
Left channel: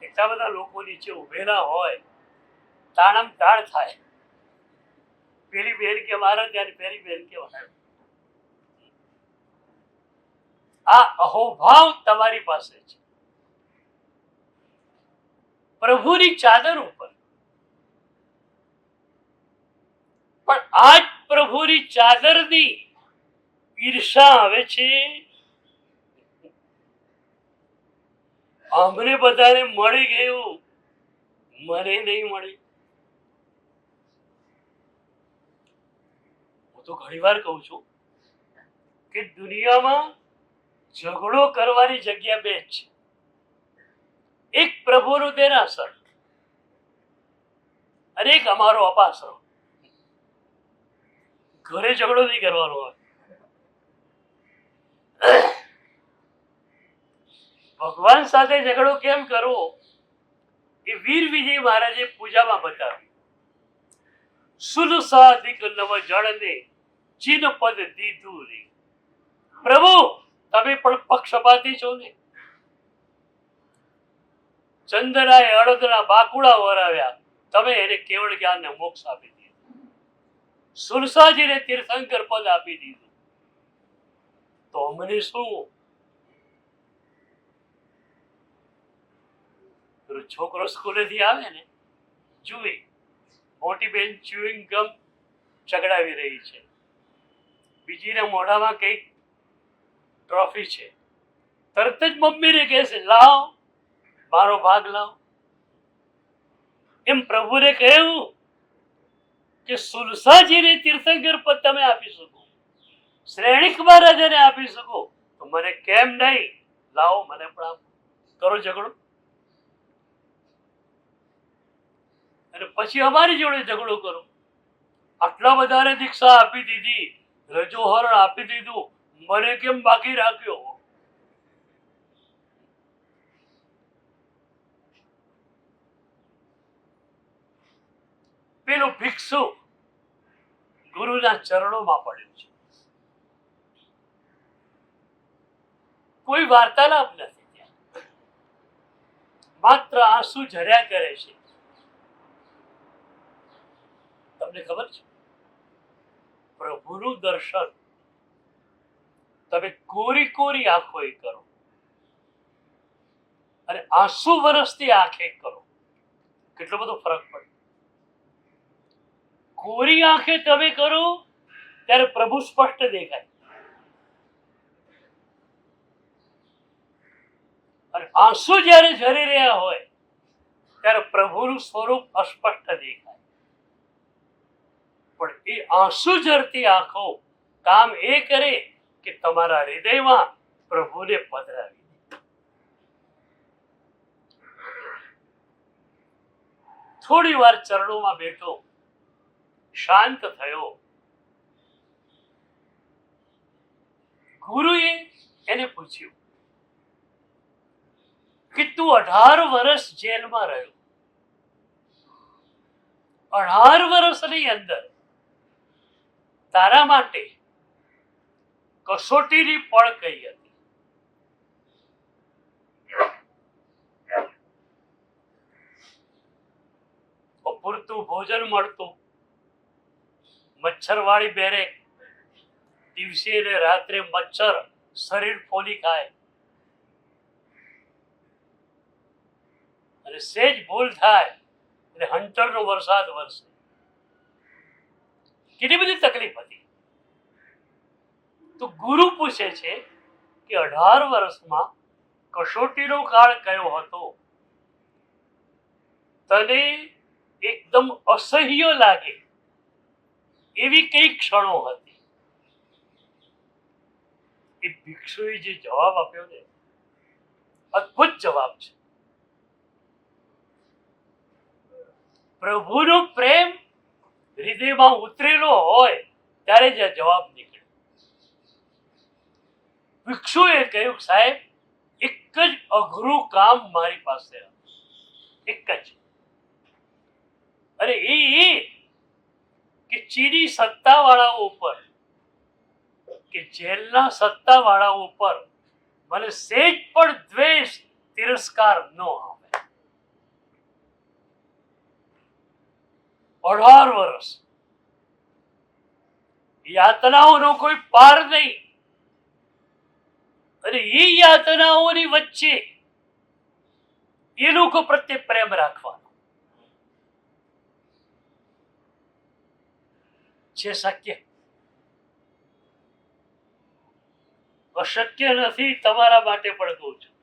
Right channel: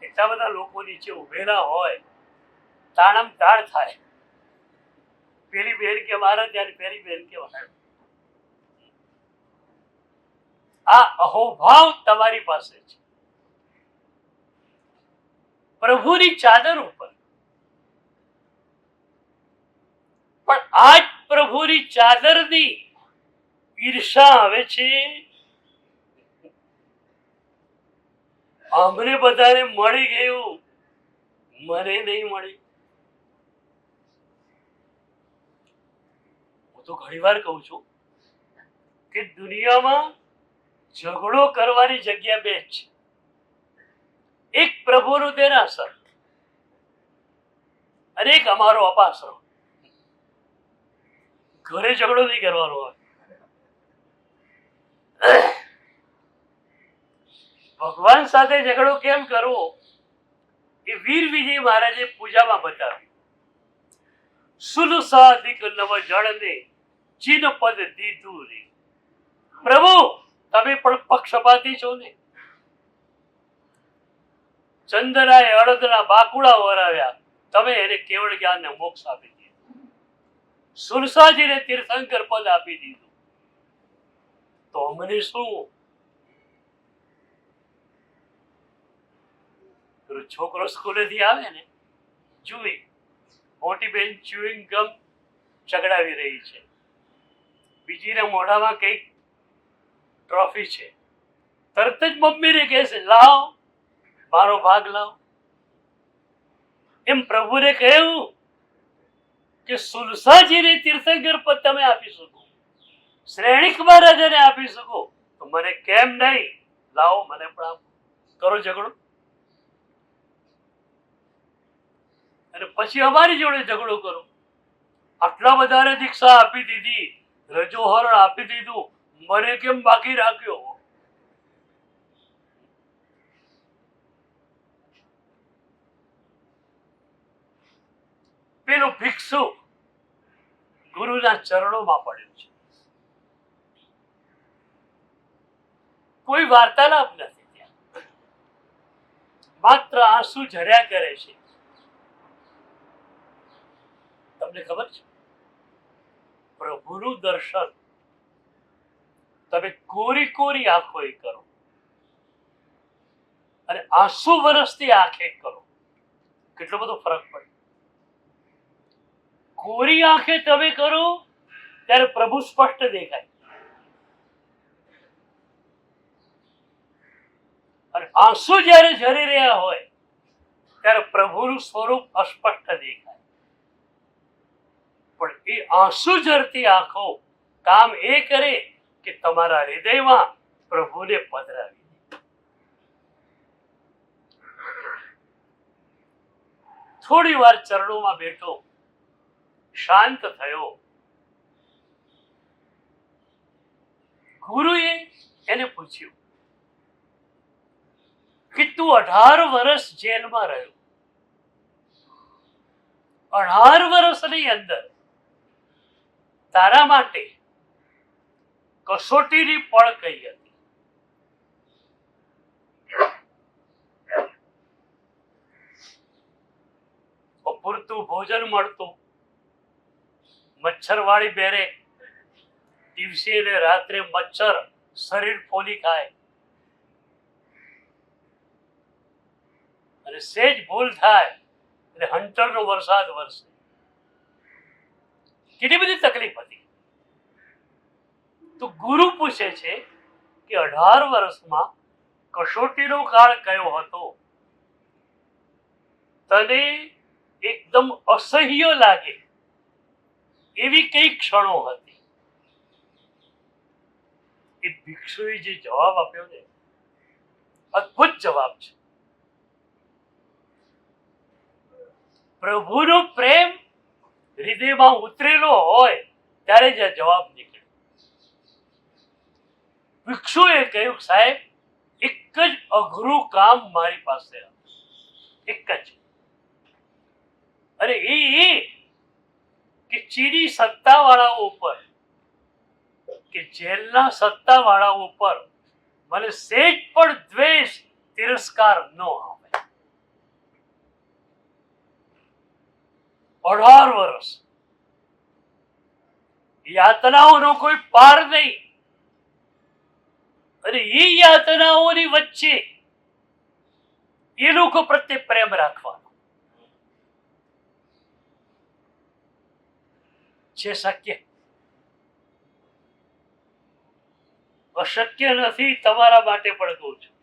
એટલા બધા લોકો નીચે ઉભેલા હોય, તાણમ તાણ થાય. પેલી બેન કે મારે ત્યારે પેલી બેન કે મારે. આ અહોભાવ તમારી પાસે છે. પ્રભુની ચાદર ઉપર, પણ આજ પ્રભુની ચાદરની ઈર્ષા આવે છે. અમને બધાને મળી ગયું, મને નહીં મળી. હું તો ઘણી વાર કહું છું કે દુનિયામાં ઝઘડો કરવાની જગ્યા 2 છે. એક પ્રભુનું દેરાસર અને એક અમારો અપાસરો. ઘરે ઝઘડો નહીં કરવાનો હોય. ભગવાન સાથે ઝઘડો કેમ કરવો એ વીર વિજય મહારાજે પૂજામાં બતાવ્યું. સુન સાધિક નવ જળને ચિન પદ દીધું રે. પ્રભુ તમે પણ પક્ષપાતી છો ને. ચંદનાએ અડદના બાકુડા વરાવ્યા, તમે એને કેવળ જ્ઞાનને મોક્ષ આપી દીધું. સુરસાજીને તીર્થંકર પદ આપી દીધું, તો અમને શું? છોકરો સ્કૂલેથી આવે ને, જુએ મોટી બેન ચ્યુઇંગ ગમ ચગડાવી રહી છે, બીજીના મોઢામાં કઈક ટ્રોફી છે, તરત જ મમ્મીને કહે છે લાવ મારો ભાગ લાવ. એમ પ્રભુને કહ્યું કે સુલસાજીને તીર્થંકર પદ તમે આપી શકો, શ્રેણિક મહારાજને આપી શકો, તો મને કેમ નહીં? લાવો મને પણ આપો. કરો ઝઘડો. અને પછી અમારી જોડે ઝઘડો કરો. આટલા બધાને દીક્ષા આપી દીધી, રજોહરણ આપી દીધું, મને કેમ બાકી રાખ્યો? પેલો ભિક્ષુ ગુરુના ચરણોમાં પડ્યો છે. કોઈ વાર્તાલાપ નથી ત્યાં, માત્ર આંસુ ઝર્યા કરે છે. તમને ખબર છે, પ્રભુનું દર્શન તમે કોરી કોરી આંખોએ કરો અને આંસુ વરસતી આંખે કરો, કેટલો બધો ફરક પડે. કોરી આંખે તમે કરો ત્યારે પ્રભુ સ્પષ્ટ દેખાય, અને આંસુ જ્યારે ઝરી રહ્યા હોય ત્યારે પ્રભુનું સ્વરૂપ અસ્પષ્ટ દેખાય. પણ એ આંસુ ઝરતી આંખો કામ એ કરે કે તમારા હૃદયમાં પ્રભુને પધરાવી. થોડી વાર ચરણોમાં બેઠો, શાંત થયો. ગુરુએ એને પૂછ્યું કે તું 18 વર્ષ જેલમાં રહ્યો, 18 વર્ષની અંદર તારા માટે કસોટીની પળ કઈ હતી? પૂરતું ભોજન મળતું, મચ્છરવાળી બેરે, દિવસે ને રાત્રે મચ્છર શરીર ફોલી ખાય, અને સેજ ભૂલ થાય એટલે હંટરનો વરસાદ વરસે. કેટલી બધી તકલીફ હતી. તો ગુરુ પૂછે છે કે 18 વર્ષમાં કસોટીનો કાળ કયો હતો? તને એકદમ અસહ્ય લાગે એવી કઈ ક્ષણો હતી? એ ભિક્ષુએ જે જવાબ આપ્યો ને, અદ્ભુત જવાબ છે. પ્રભુનો પ્રેમ હૃદયમાં ઉતરેલો હોય ત્યારે જ જવાબ નીકળે. ભિક્ષુએ કહ્યું, સાહેબ, એક જ અઘરું કામ મારી પાસે, એક જ. અને એ કે ચીની સત્તાવાળાઓ ઉપર, કે જેલના સત્તાવાળાઓ ઉપર મને સેજ પણ દ્વેષ, તિરસ્કાર ન આવે. 18 વર્ષ યાતનાઓનો કોઈ પાર નહીં, અને એ યાતનાઓની વચ્ચે એ લોકો પ્રત્યે પ્રેમ રાખવાનો છે શક્ય. અશક્ય નથી તમારા માટે પણ કહું છું.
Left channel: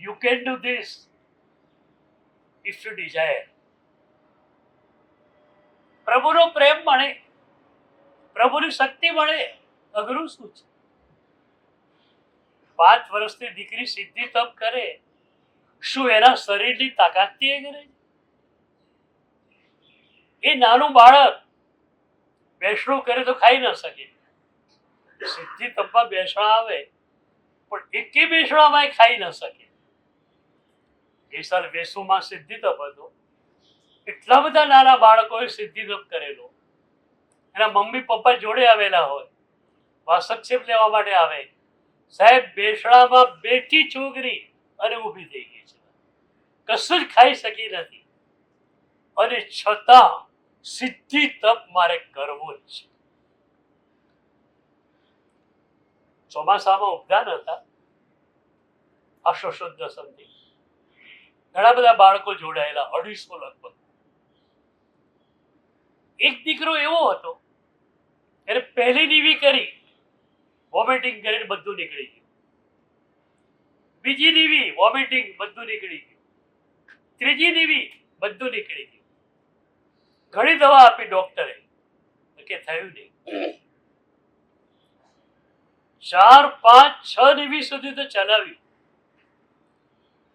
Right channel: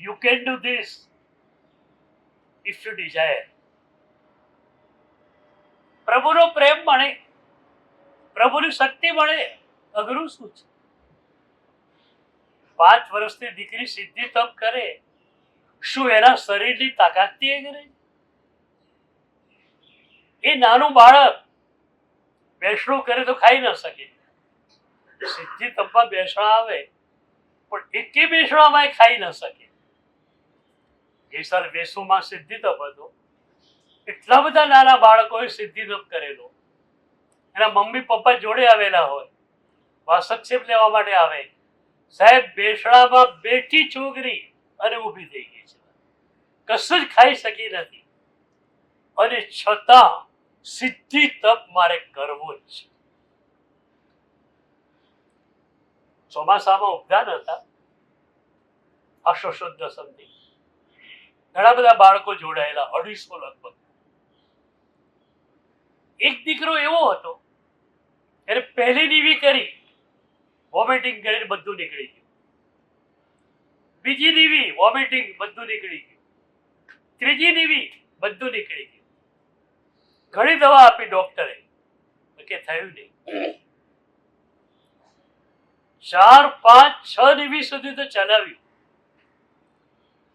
You can do this if you desire. પ્રભુનો પ્રેમ મળે, પ્રભુની શક્તિ મળે, અઘરું શું છે? 5 વર્ષની દીકરી સિદ્ધિ તપ કરે, શું એના શરીરની તાકાતથી એ કરે? એ નાનું બાળક બેસણું કરે તો ખાઈ ન શકે. સિદ્ધિ તપમાં બેસણા આવે પણ એકે બેસણામાં ખાઈ ન શકે. એ સર વેસુમાં સિદ્ધિ તપ હતો. એટલા બધા નાના બાળકોએ સિદ્ધિ તપ કરેલો. એના મમ્મી પપ્પા જોડે આવેલા હોય, વાસક્ષેપ લેવા માટે આવે. સાહેબ, બેસણામાં બેઠી છોકરી અને ઊભી થઈ ગઈ છે, કશું જ ખાઈ શકી નથી, અને છતાં સિદ્ધિ તપ મારે કરવો જ છે. ચોમાસામાં ઉપદાન હતા, આશો શુદ્ધ સંધિ, ઘણા બધા બાળકો જોડાયેલા, 250 લગભગ. એક દીકરો એવો હતો, એને પહેલી નીવી કરી, વોમિટિંગ કરીને બધું નીકળી ગયું. બીજી નીવી, વોમિટિંગ, બધું નીકળી ગયું. ત્રીજી નીવી, બધું નીકળી ગયું. ઘણી દવા આપી ડોક્ટરે, કે થયું નહીં. 4, 5, 6 નીવી સુધી તો ચલાવી.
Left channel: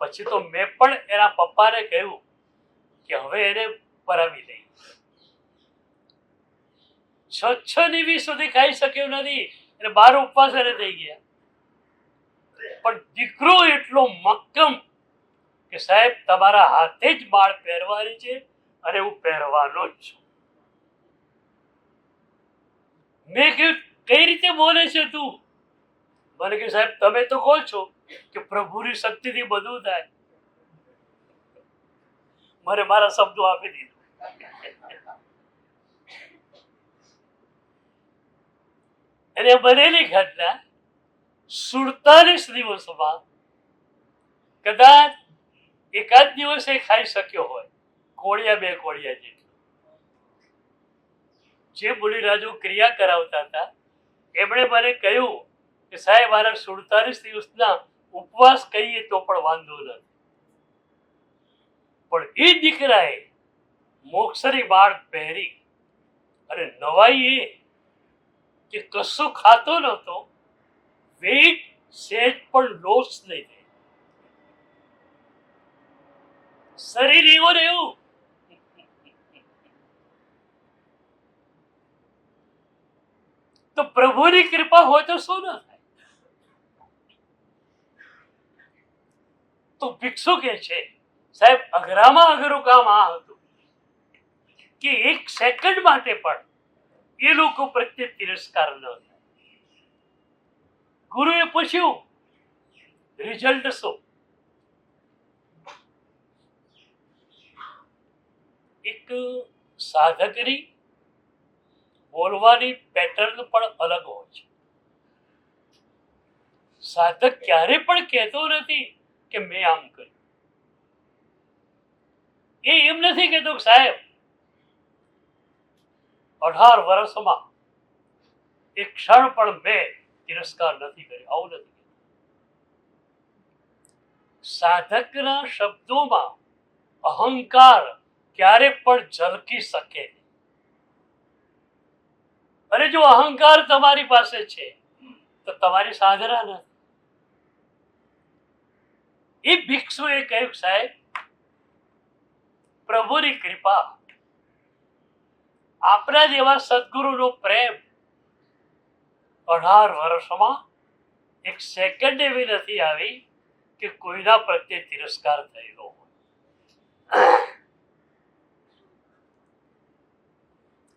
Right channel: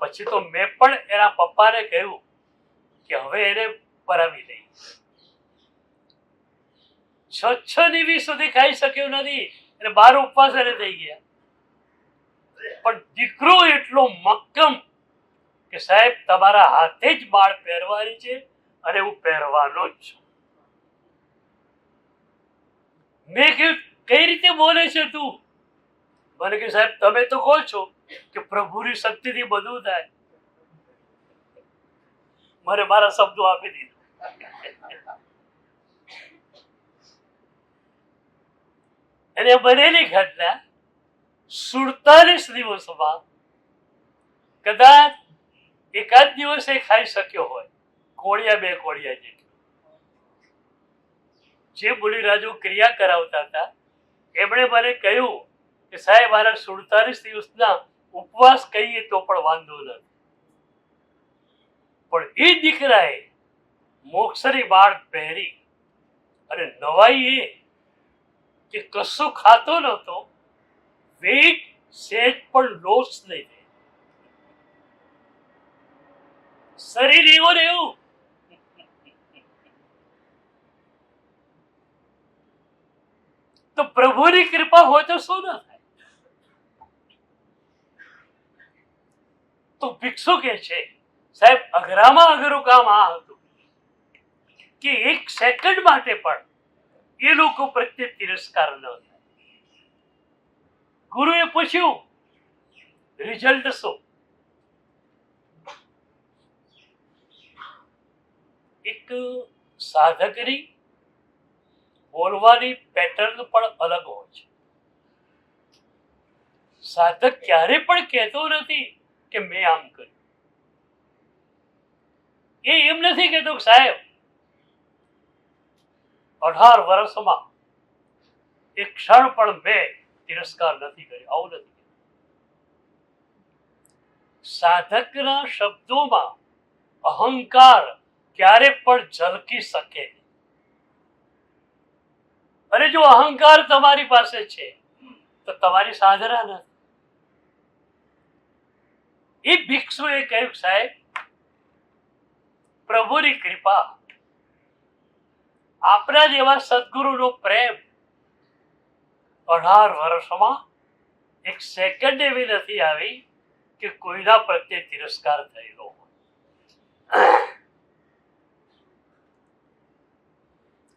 પછી તો મેં પણ એના પપ્પાને કહ્યું કે હવે એને પરાવી દઈ. 6 નીવી સુધી ખાઈ શક્યું નથી, એટલે 12 ઉપવાસ એને થઈ ગયા. પણ દીકરો એટલો મક્કમ કે સાહેબ, તમારા હાથે જ બાળ પહેરવાની છે અને હું પહેરવાનો જ છું. મેં કહ્યું, કઈ રીતે બોલે છે તું? મને કે સાહેબ, તમે તો કહો છો કે પ્રભુની શક્તિથી બધું થાય. મને મારા શબ્દો આપી દીધા. અને બનેલી ઘટના 47 દિવસમાં કદાચ એકાદ દિવસે ખાઈ શક્યો હોય, કોળિયા 2 કોળિયા જેટલું. જે બુલિરાજો ક્રિયા કરાવતા હતા એમણે મને કહ્યું કે સાહેબ, મારા 47 દિવસના ઉપવાસ કહીએ તો પણ વાંધો નથી. પણ એ દીકરાએ મોક્ષરી બાળ પહેરી, અને નવાઈ એ કે કશું ખાતો નહોતો, વેટ સેજ પણ લોસ નહીં થાય, શરીર એવું ને એવું. તો પ્રભુની કૃપા હોય તો શું ન થાય? તો તો ભિક્ષુ કે છે, સાહેબ અઘરામાં અઘરું કામ આ હતું કે એક સેકન્ડ માટે પણ એ લોકો પ્રત્યે તિરસ્કાર ન થાય. ગુરુએ પૂછ્યું, રિઝલ્ટ શું? એક સાધકની બોલવાની પેટર્ન પણ અલગ હોય છે. સાધક ક્યારે પણ કહેતો નથી કે મેં આમ કર્યું. એ એમ નથી કહેતો કે સાહેબ 18 વર્ષમાં એક ક્ષણ પણ મેં તિરસ્કાર નથી કર્યો, આવું નથી. સાધકના શબ્દોમાં અહંકાર ક્યારે પણ ઝલકી શકે નહીં. અને જો અહંકાર તમારી પાસે છે તો તમારી સાધના નથી. એ ભિક્ષુએ કહ્યું, સાહેબ પ્રભુની કૃપા, આપણા જેવા સદગુરુનો પ્રેમ 18 વર્ષમાં એક સેકન્ડ એવી નથી આવી કે કોઈના પ્રત્યે તિરસ્કાર થયેલો.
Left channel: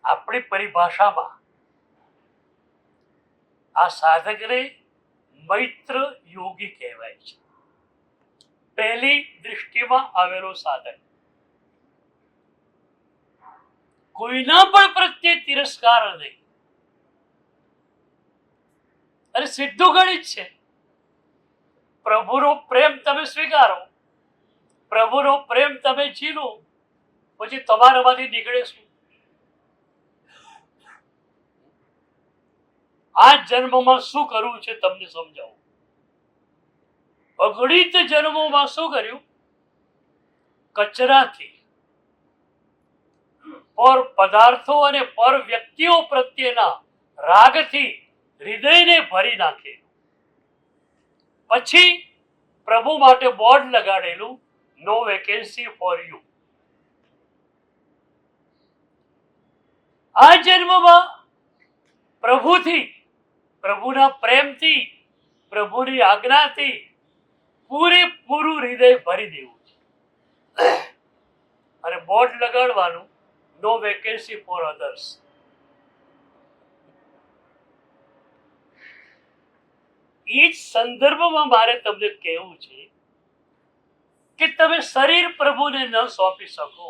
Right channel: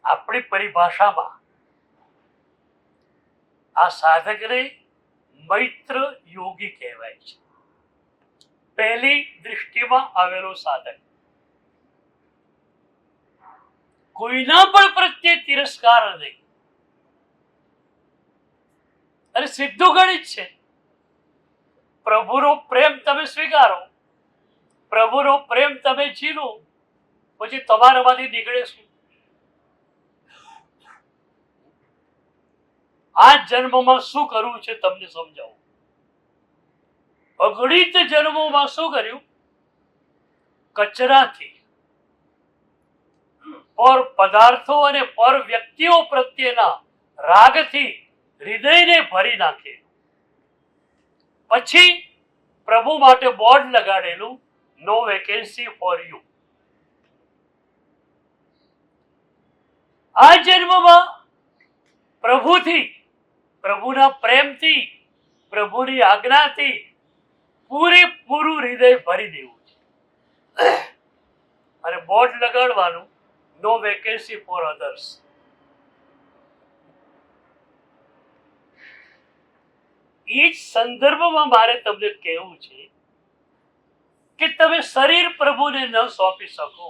આપણી પરિભાષામાં આ સાધકને મૈત્ર યોગી કહેવાય છે. પહેલી દૃષ્ટિમાં આવેલો સાધક. કોઈના પણ પ્રત્યે તિરસ્કાર નહીં. અને સીધું ગણિત છે. પ્રભુનો પ્રેમ તમે સ્વીકારો, પ્રભુનો પ્રેમ તમે જીલો, પછી તમારામાંથી નીકળે શું? આ જન્મમાં શું કરવું છે તમને સમજાવું. અગણિત જન્મોમાં શું કર્યું? કચરાથી, પર પદાર્થો અને પર વ્યક્તિઓ પ્રત્યેના રાગથી હૃદયને ભરી નાખે. પછી પ્રભુ માટે બોર્ડ લગાડેલું, નો વેકેન્સી ફોર યુ. આ જન્મમાં પ્રભુથી, પ્રભુના પ્રેમથી, પ્રભુની આજ્ઞાથી પૂરેપૂરું હૃદય ભરી દેવું છે. અને બોર્ડ લગાડવાનું, નો વેકેન્સી ફોર અધર્સ. એ જ સંદર્ભમાં મારે તમને કહેવું છે કે તમે શરીર પ્રભુને ન સોંપી શકો,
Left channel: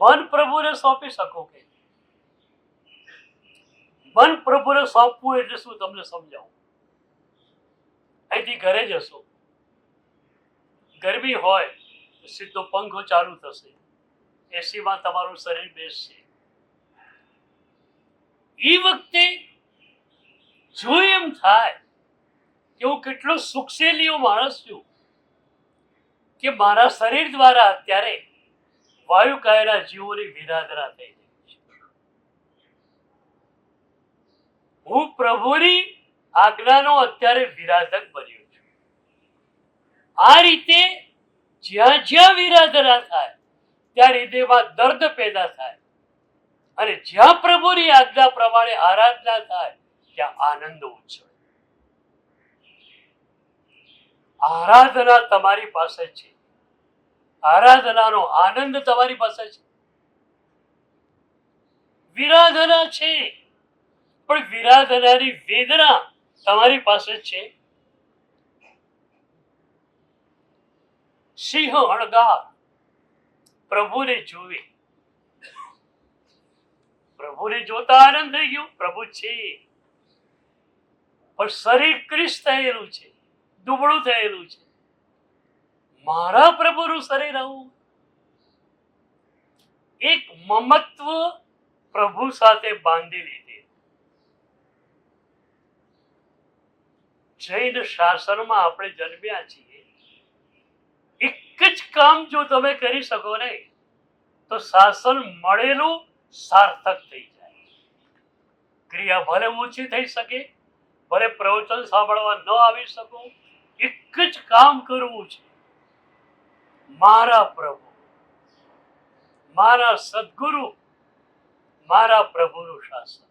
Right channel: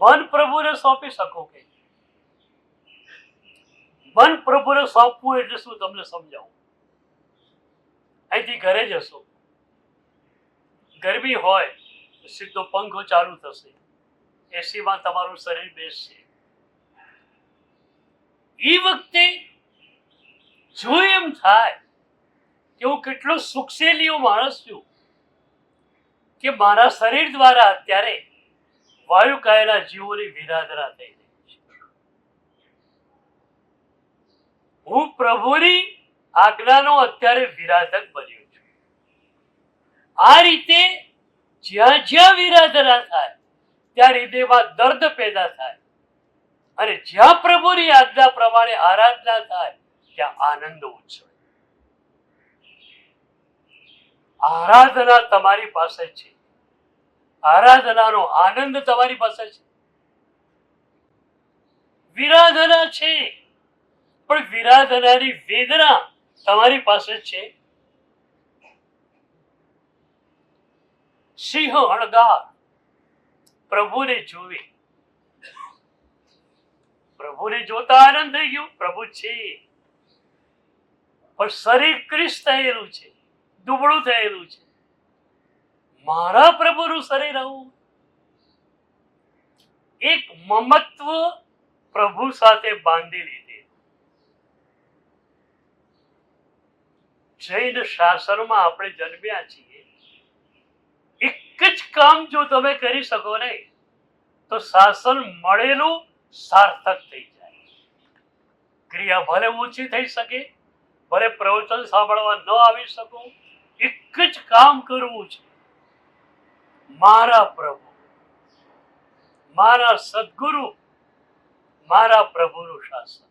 મન પ્રભુને સોંપી શકો કે? મન પ્રભુને સોંપવું એટલે શું તમને સમજાવું. અહીંથી ઘરે જશો, ગરમી હોય તો સીધો પંખો ચાલુ થશે, એસીમાં તમારું શરીર બેસશે. એ વખતે જો એમ થાય કે હું કેટલો સુખશેલીઓ માણસ છું કે મારા શરીર દ્વારા અત્યારે વાયુ કહેલા જીવોની વિરાધના થઈ રહી છે, હું પ્રભુની આજ્ઞાનો અત્યારે વિરાધક બન્યો છું. આ રીતે જ્યાં જ્યાં વિરાધના થાય ત્યાં હૃદયમાં દર્દ પેદા થાય, અને જ્યાં પ્રભુની આજ્ઞા પ્રમાણે આરાધના થાય ત્યાં આનંદ ઉછળે. આરાધના તમારી પાસે છે, આરાધનાનો આનંદ તમારી પાસે છે. વિરાધના છે પણ વિરાધનાની વેદના તમારી પાસે છે. સિંહ હણગાર પ્રભુને જોવે, પ્રભુને જોતા આનંદ થઈ ગયો, પ્રભુ છે, પણ શરીર ક્રિશ થયેલું છે, દુબળું થયેલું છે. મારા પ્રભુનું શરીર આવું. એક મમત્વ પ્રભુ સાથે બાંધી લીધે. જૈન શાસનમાં આપણે જન્મ્યા છીએ. એક જ કામ જો તમે કરી શકો ને તો શાસન મળેલું સાર્થક થઈ જાય. ક્રિયા ભલે ઊંચી થઈ શકે, ભલે પ્રવચન સાંભળવા ન આવી શકો, એક જ કામ કરવું છે, મારા પ્રભુ, મારા સદગુરુ, મારા પ્રભુનું શાસન.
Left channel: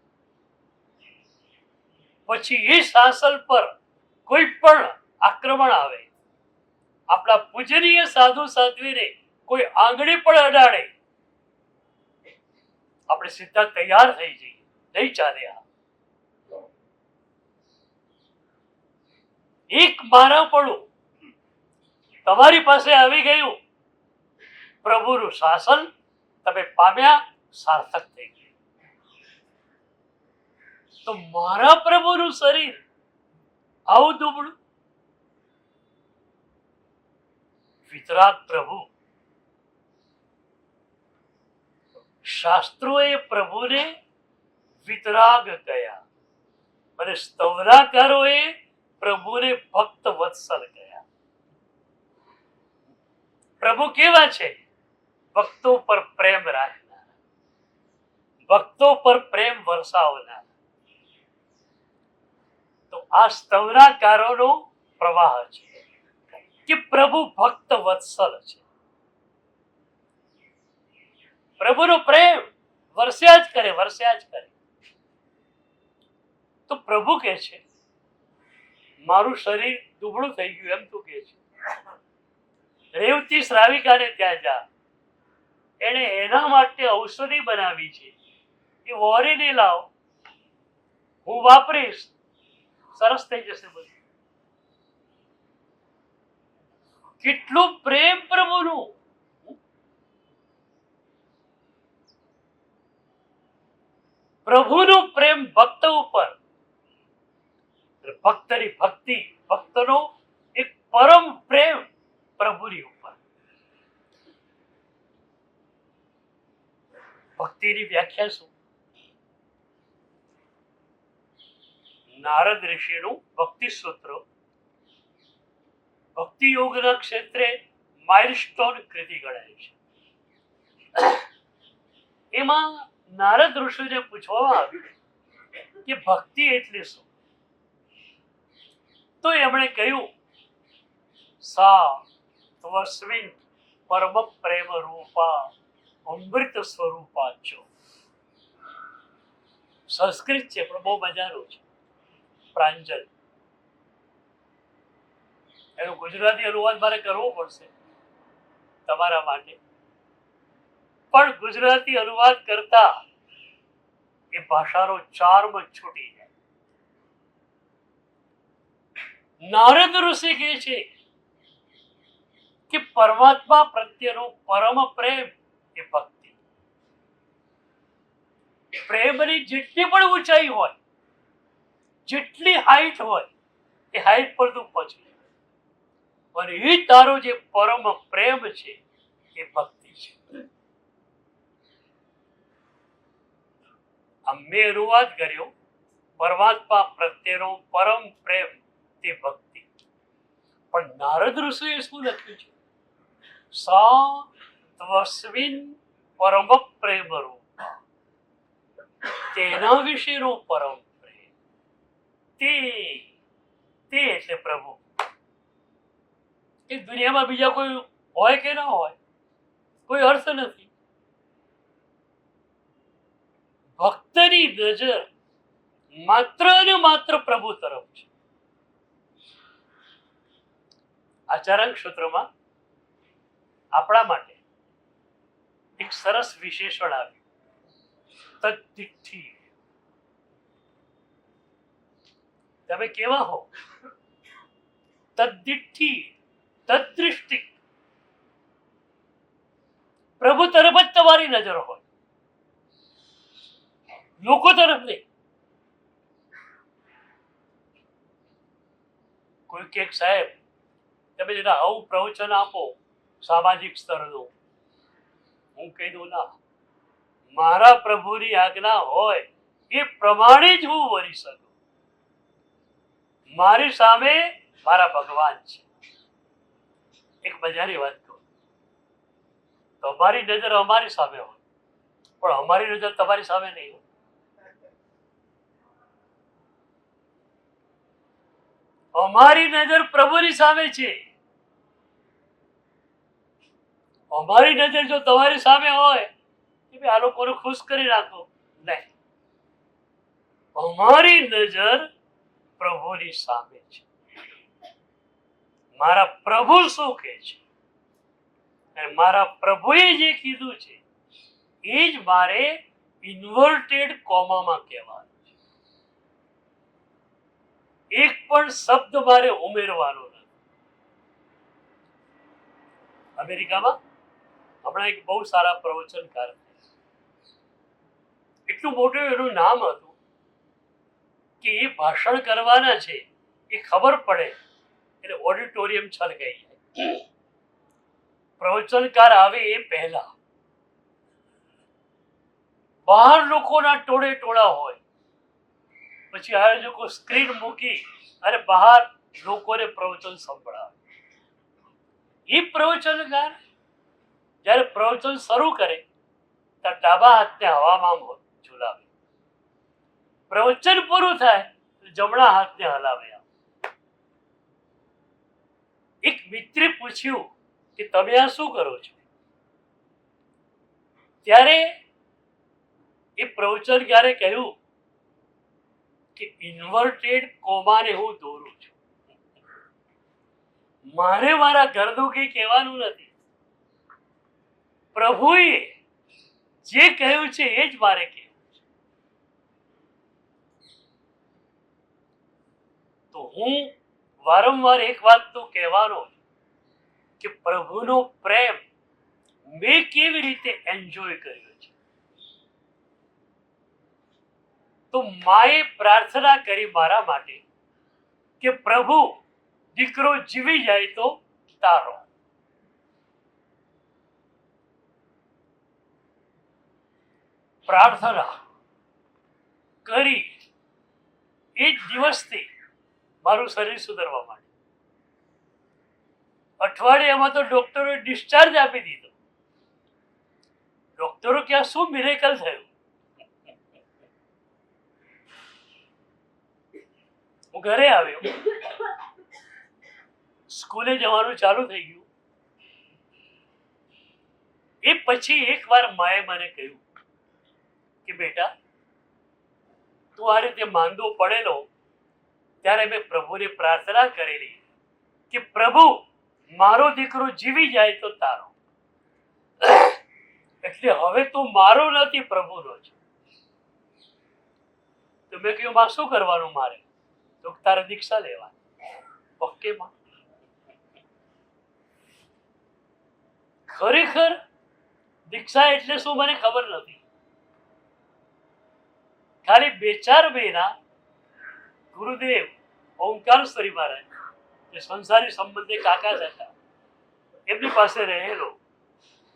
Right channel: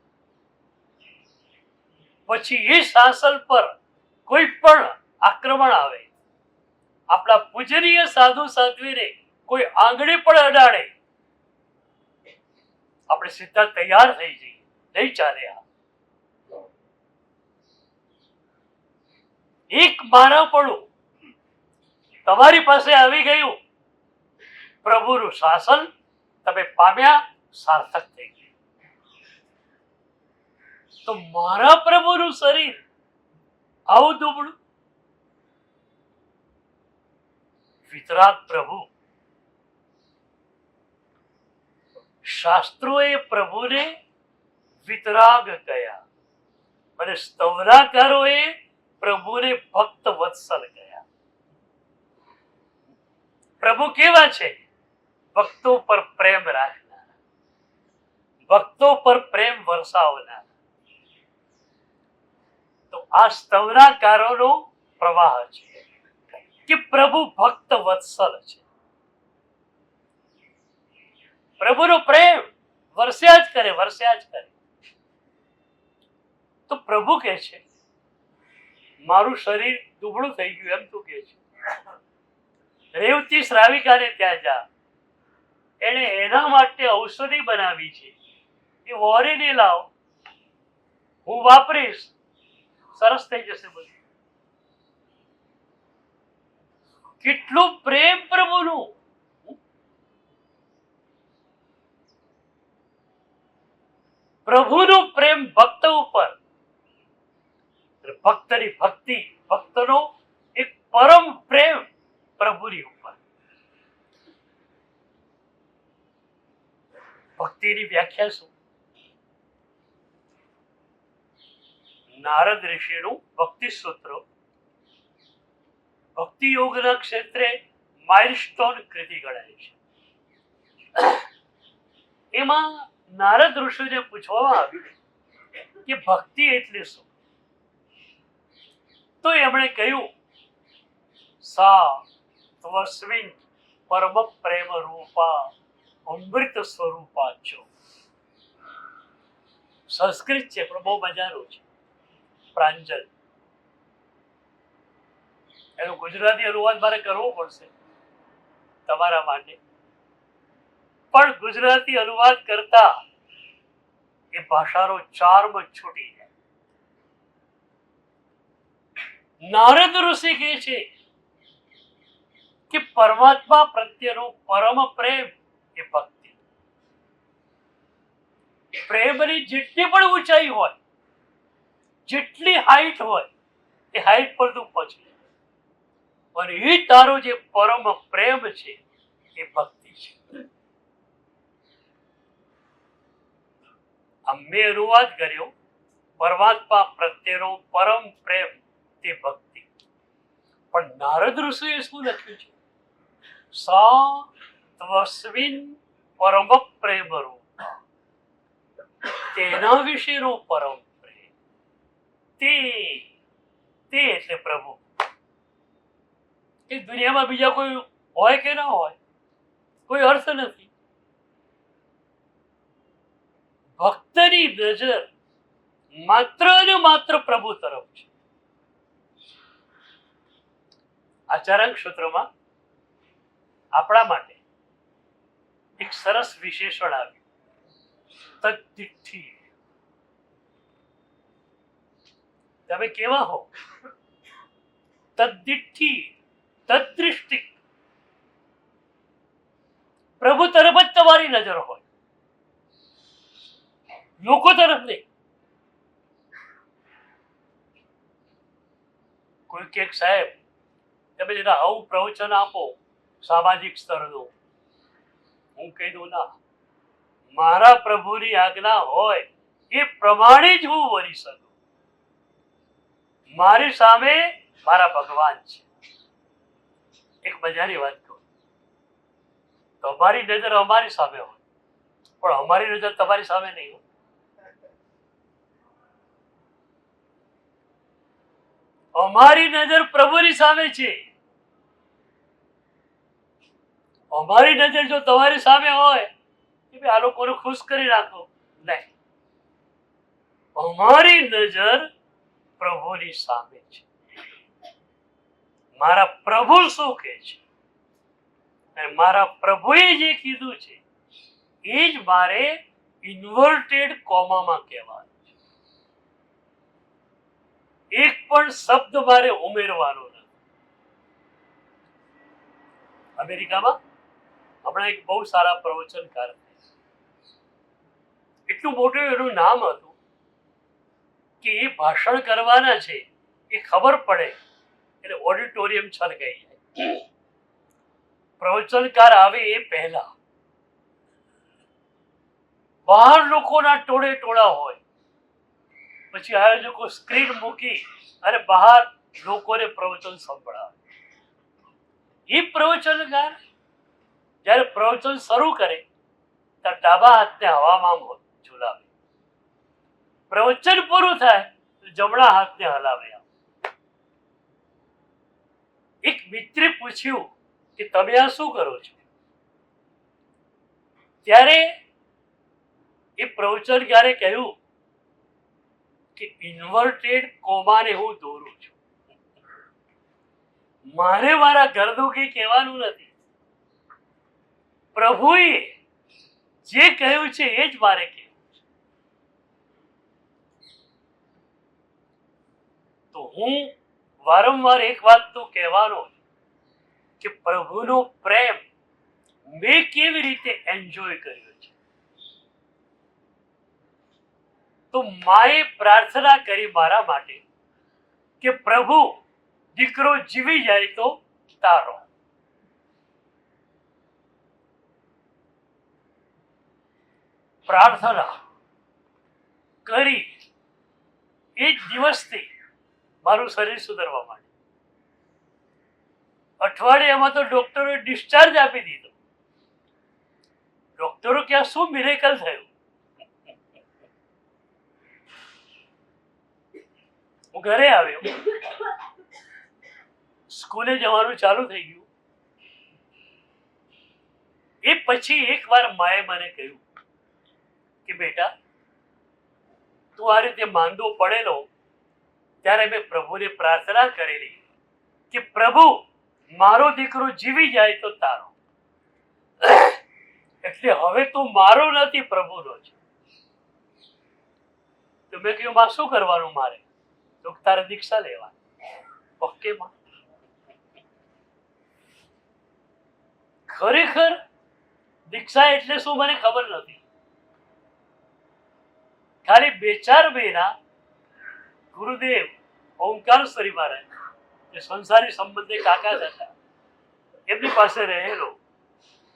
પછી એ શાસન પર કોઈ પણ આક્રમણ આવે, આપણા પૂજનીય સાધુ સાધ્વીને કોઈ આંગળી પણ અડાડે આપણે સીધા તૈયાર થઈ જઈએ, નહીં ચાલે. આ એક મારાપણું તમારી પાસે આવી ગયું, પ્રભુનું શાસન તમે પામ્યા, સાર્થક થઈ ગયું. તો મારા પ્રભુનું શરીર આવું દુબળું, વિતરાગ પ્રભુ. શાસ્ત્રોએ પ્રભુને વિતરાગ કહ્યા અને સ્તવનાકારોએ પ્રભુને ભક્ત વત્સલ કહ્યા. પ્રભુ કેવા છે? ભક્તો પર પ્રેમ રાખનાર, ભક્તો પર પ્રેમ વરસાવનાર. તો આ સ્તવનાકારોનો પ્રવાહ છે કે પ્રભુ ભક્ત વત્સલ છે. પ્રભુનો પ્રેમ વરસ્યા જ કરે, વરસ્યા જ કરે. તો પ્રભુ કહે છે મારું શરીર દુબળું થઈ ગયું, એમ તું કહે છે. રેવતી શ્રાવિકાને ત્યાં જા, એને એના માટે ઔષધિ બનાવી છે, એ વોરીને લાવ, હું વાપરીશ, સરસ થઈ જશે બધું. કેટલો પ્રેમ પ્રભુનું. પ્રભુનો પ્રેમ ભક્ત ઉપર, ભક્તની ભક્તિ, ભક્તનો એક પરમ પ્રેમ પ્રભુની ઉપર. ભક્તિની વ્યાખ્યા શું? નારદ ઋષિનું ભક્તિ સૂત્ર ભક્તિ યોગના ક્ષેત્રે માઇલસ્ટોન કૃતિ ગણાય છે. એમાં નારદ ઋષિને પૂછવામાં આવ્યું કે ભક્તિ એટલે શું? તો એમણે કહ્યું સા ત્વસ્મિન પરમ પ્રેમ રૂપા અમૃત સ્વરૂપા છો. સંસ્કૃત છે પણ બહુ મજાનું છે, પ્રાંજલ. એનો ગુજરાતી અનુવાદ મારે કરવો પડશે તમારા માટે, પણ ગુજરાતી અનુવાદ કરતા એ ભાષાનો ચાર્મ છૂટી જાય. નારદ ઋષિ કહે છે કે પરમાત્મા પ્રત્યેનો પરમ પ્રેમ એ ભક્તિ. પ્રેમની જેટલી પણ ઊંચાઈ હોય, જેટલી હાઈટ હોય, એ હાઈટ પર તું પહોંચે. અને એ તારો જે પરમ પ્રેમ છે એ ભક્તિ છે. મેં અનુવાદ કર્યો પરમાત્મા પ્રત્યેનો પરમ પ્રેમ તે ભક્તિ. પણ નારદ ઋષિએ શું લખ્યું છે? સા ત્વસ્મિન પરમ પ્રેમ રૂપ, તેના વિશેનો પરમ પ્રેમ. તે એટલે પ્રભુ. એ દુનિયામાં બીજા કોઈ હોય કે ના હોય, કોઈ અર્થ નથી. ભક્તની નજર માત્ર ને માત્ર પ્રભુ તરફ છે. આચરણ ક્ષેત્રમાં આપણા માટે એક સરસ વિશેષણ આવ્યું, તદ્દિઠ્ઠિ. તમે કેવા હો? તદ્દિઠ્ઠિ, તદ્દૃષ્ટિ. પ્રભુ તરફ જ તમારી નજર હોય, લોકો તરફ નહીં. કોઈ કે સાહેબ તમે જરા આવું પ્રવચન આપો સામાજિક સ્તરનું. હું કહી દઉં ના, મારા પ્રભુની આજ્ઞા હોય એ પ્રમાણે જ હું વરી શકું. મારી સામે મારા ભગવાન છે. એક મજાની વાત કહું, તમારી નજર અમારી સામે હોય પણ અમારી નજર તમારી સામે નહીં હોય. અમારી નજર પ્રભુની સામે છે. અમારી નજર જો તમારી સામે હોય કે આ લોકોને ખુશ કરી રાખો, નહીં. અમારી નજર પ્રભુની સામે છે. મારા પ્રભુ શું કહે છે અને મારા પ્રભુએ જે કીધું છે એ જ મારે ઇન્વર્ટેડ કોમામાં કહેવાનું છે. એક પણ શબ્દ મારે ઉમેરવાનો નથી. અમેરિકામાં હમણાં એક બહુ સારા પ્રવચનકાર, એટલું મોટું એનું નામ હતું કે એ ભાષણ કરવાના છે એ ખબર પડે એટલે ઓડિટોરિયમ છલકાઈ જાય. પ્રવચનકાર આવે એ પહેલા બહાર લોકોના ટોળે ટોળા હોય, પછી આયોજકો સ્ક્રીન મૂકી અને બહાર લોકોને પ્રવચન સંભળાવે. એ પ્રવચનકાર જ્યારે પ્રવચન શરૂ કરે ત્યારે ડાબા હાથને હવામાં ઝુલાવે, પ્રવચન પૂરું થાય તો જમણા હાથને હલાવે. એક મિત્રે પૂછ્યું કે તમે આ શું કરો છો? ત્યારે એ પ્રવચનકારે કહ્યું કે ઇન્વર્ટેડ કોમાને હું દોરું છું. મારે મારા ઘરદુખી કહેવાનું નથી, પ્રભુએ જે કહ્યું છે એ જ મારે કહેવું છે. તો હું વારંવાર એક વાત તો કહેવાનો કે પ્રભુનો પ્રેમ મેં કેવી રીતે એન્જોય કર્યો છે. તો માએ પ્રાર્થના કરી મારા માટે કે પ્રભુ દીકરો જીવી જાય તો તારો. પ્રાર્થના કરી એ જ દિવસથી મારું શરીર સુધરવા માંડ્યું. અઠવાડિયામાં તો ડોક્ટરોએ ડિસ્ચાર્જ આપી દીધો. ડોક્ટરો કે આ શું મિરેકલ થયું? હું ઘરે આવ્યો, સ્કૂલે જવાનું ચાલુ થઈ ગયું. એ પછી એકવાર માએ મને કહ્યું કે બેટા તું આ રીતે માંદો પડેલો ત્યારે મેં પ્રભુને પ્રાર્થના કરેલી કે પ્રભુ મારો દીકરો જીવી જાય તો તારો. એટલે હવે તું મારો નથી પ્રભુનો છે. તો મેં કહ્યું માં શું કરવાનું મારે? તો તારે દીક્ષા લેવાની. ઓકે માં. ખરેખર દીક્ષા એટલે શું મને ખબર નથી. ખાલી 2-4 મહિના ગુરુદેવ ઓમકાર સ્વરી મહારાજ જે સંસારી સંબંધે કાકા હતા એમની પાસે રહેલો,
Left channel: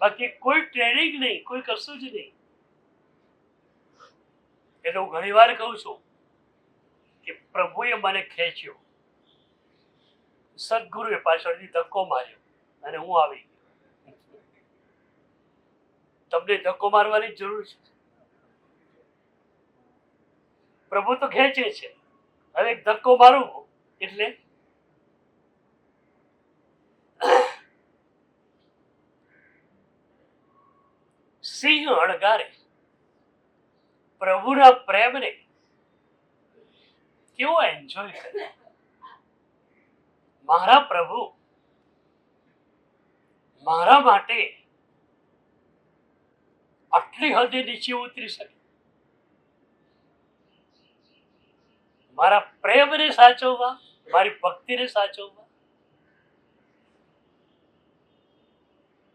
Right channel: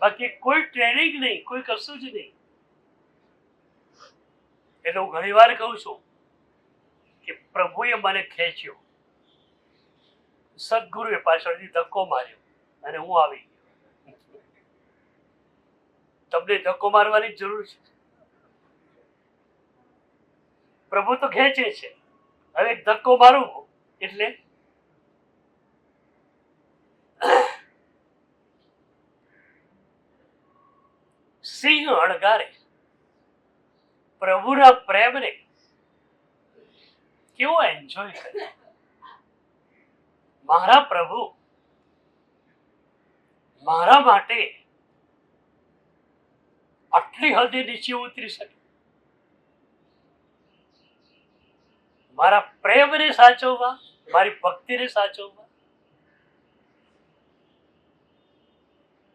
બાકી કોઈ ટ્રેનિંગ નહીં, કોઈ કશું જ નહીં. એટલે હું ઘણી વાર કહું છું કે પ્રભુએ મને ખેંચ્યો, સદગુરુએ પાછળથી ધક્કો માર્યો અને હું આવી ગયો. તમને ધક્કો મારવાની જરૂર છે? પ્રભુ તો ખેંચે છે. હવે ધક્કો મારું એટલે સિંહ અણગારે પ્રભુના પ્રેમને કેવો એન્જોય કરે. મારા પ્રભુ મારા માટે આટલી હદે નીચે ઉતરી શકે? મારા પ્રેમને સાચવવા, મારી ભક્તિને સાચવવા.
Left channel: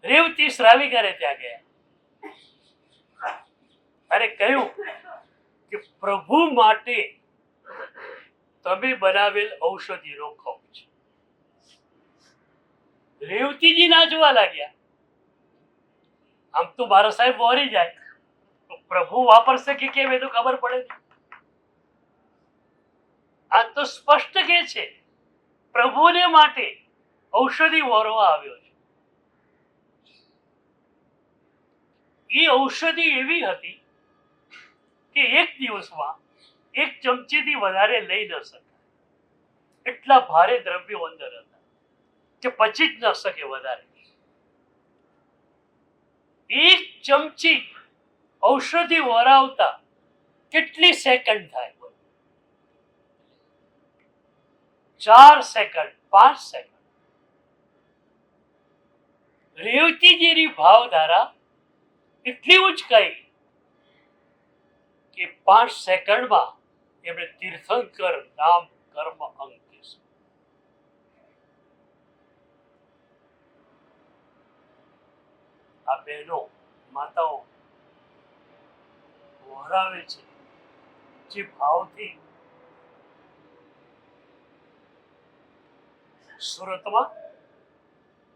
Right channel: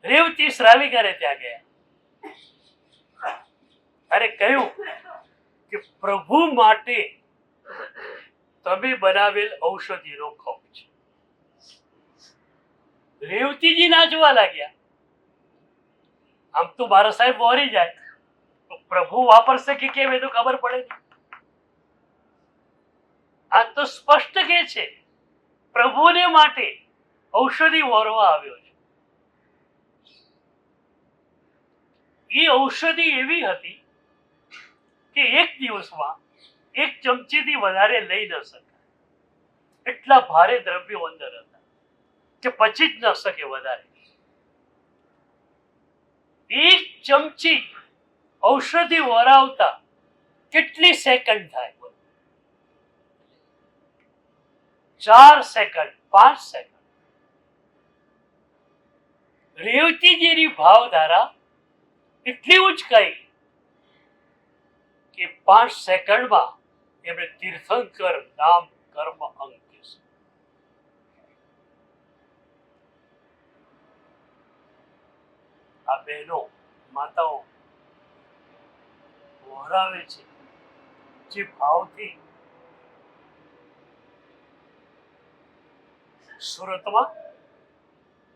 રેવતી શ્રાવિકાને ત્યાં ગયા અને કહ્યું કે પ્રભુ માટે તમે બનાવેલ ઔષધિનો ખપ છે. રેવતીજી નાચવા લાગ્યા. આમ તો મારા સાહેબ વોરી જાય તો પ્રભુ વાપરશે કે કેમ એ તો ખબર પડે નહીં. આ તો સ્પષ્ટ કે છે પ્રભુને માટે ઔષધિ વોરવા આવ્યો છે. એ ઔષધિ એવી હતી કે એક દિવસમાં 1 ચમચીથી વધારે લઈ ન શકાય. એટલા ભારે દ્રવ્યો અંદર હતા કે પચી જ ન શકે વધારે. 1 ચમચી ઔષધિ વરાવતા કેટલી સેકન્ડ થાય? 4 સેકન્ડ, 5 સેકન્ડ. રેવતીજીની ભાવધારા એટલી ઉચકાઈ કે 5 સેકન્ડમાં એમણે તીર્થંકર નામ કર્મ અંકિત. આ બહેનો માતાઓ વહોરાવે છે જે ભાવથી. સુરતમાં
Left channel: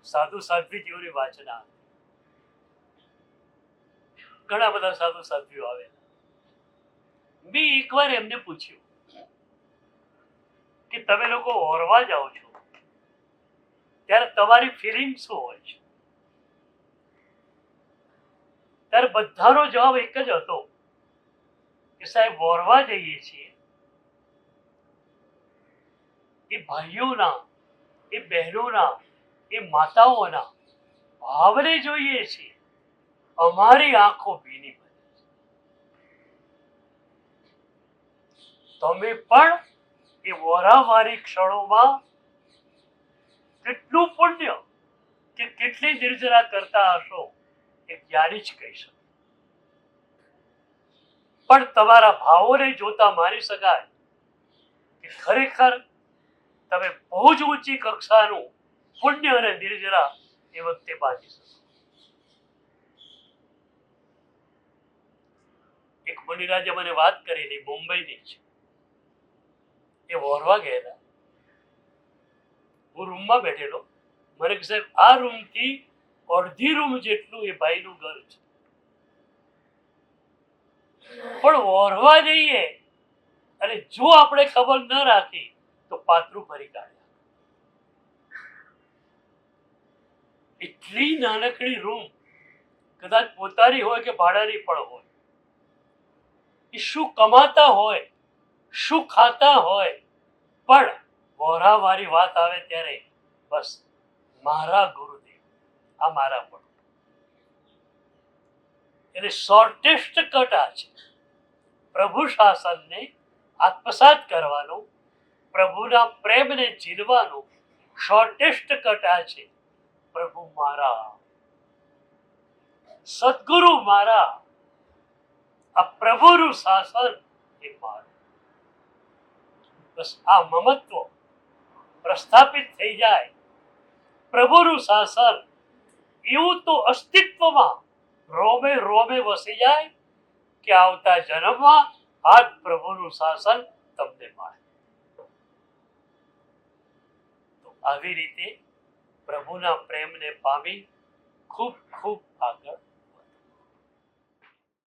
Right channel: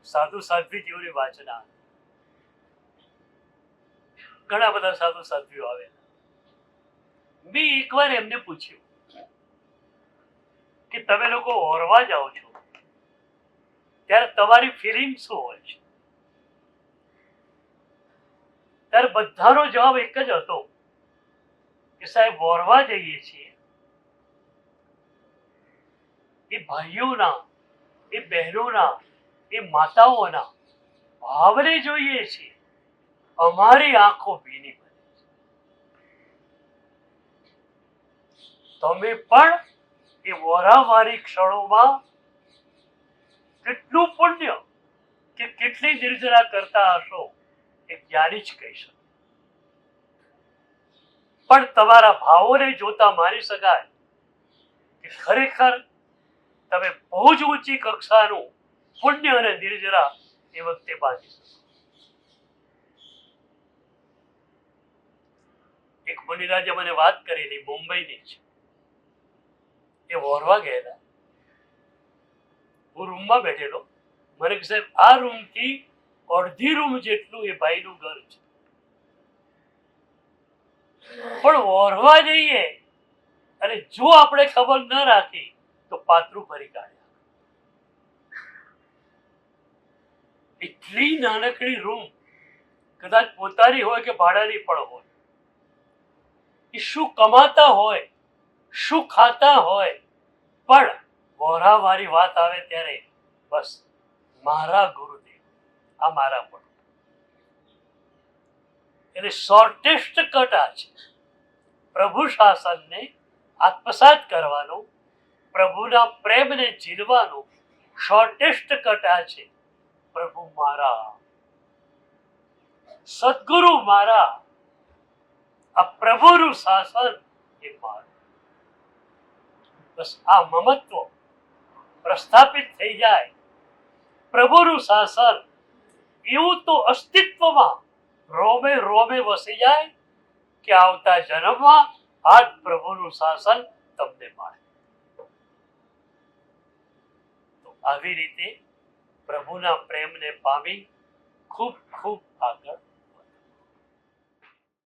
સાધુ સાધ્વીજીઓની વાચના, ઘણા બધા સાધુ સાધ્વીઓ આવે. મેં એકવાર એમને પૂછ્યું કે તમે લોકો ઓરવા જાઓ છો ત્યારે તમારી ફિલિંગ શું હોય છે? ત્યારે બધાનો જવાબ એક જ હતો કે સાહેબ, ઓરવા જઈએ છીએ એ ભાઈઓના, એ બહેનોના, એ માતાઓના ભાવને જોઈએ છીએ. અમારી આંખો ભીની પડે. તમે પણ એ વોરાવારી ક્ષણોમાં કેટલું પુણ્ય કે કેટલી નિર્જરા કરતા હશો એ જ્ઞાની જ કહી શકો. પણ તમારા ભાવોને જોતા માની શકાય કે ખરેખર તમે બહુ જ ઊંચી કક્ષાનું પુણ્ય અને નિર્જરા એ વખતે બાંધી શકો. એક મુનિરાજે મને વાત કરેલી, મુંબઈની છે. એ વોરવા ગયેલા. હું રૂમમાં બેઠેલો. મને કે સાહેબ, આ રૂમથી અડધી રૂમ જેટલું એ ભાઈનું ઘર છે, પણ વોરવા જઈએ અને જો આપણે ખબર ન રાખી તો પાત્રું ફરી કાઢ્યા. એટલી નાનકડી રૂમ, કદાચ પોતાની હોય કે ભાડાની પણ હોય. એ શું કમાતા હોય, શું ખાતા હોય, પણ વોરાવાળી વાત આવે ત્યારે બસ મારા ગુરુદેવ, આ મારા પણ. એટલે શોર્ટેસ્ટ કટ આ છે. પ્રભુ શાસનને આત્મસાત કરવાનો, પ્રભુના પ્રેમને જીલવાનો શોર્ટેસ્ટ કટ આ છે. પ્રભુ મારા, સદગુરુ મારા, આ પ્રભુનું શાસન એ મારું. બસ આ મમત્વ પ્રસ્થાપિત થઈ જાય. પ્રભુનું શાસન એવું તો અસ્તિત્વમાં રોમે રોમે વસી જાય કે આવતા જન્મમાં આ જ પ્રભુનું શાસન તમને મળે. તો આવી રીતે પ્રભુના પ્રેમને પામી ખૂબ ખૂબ આભાર.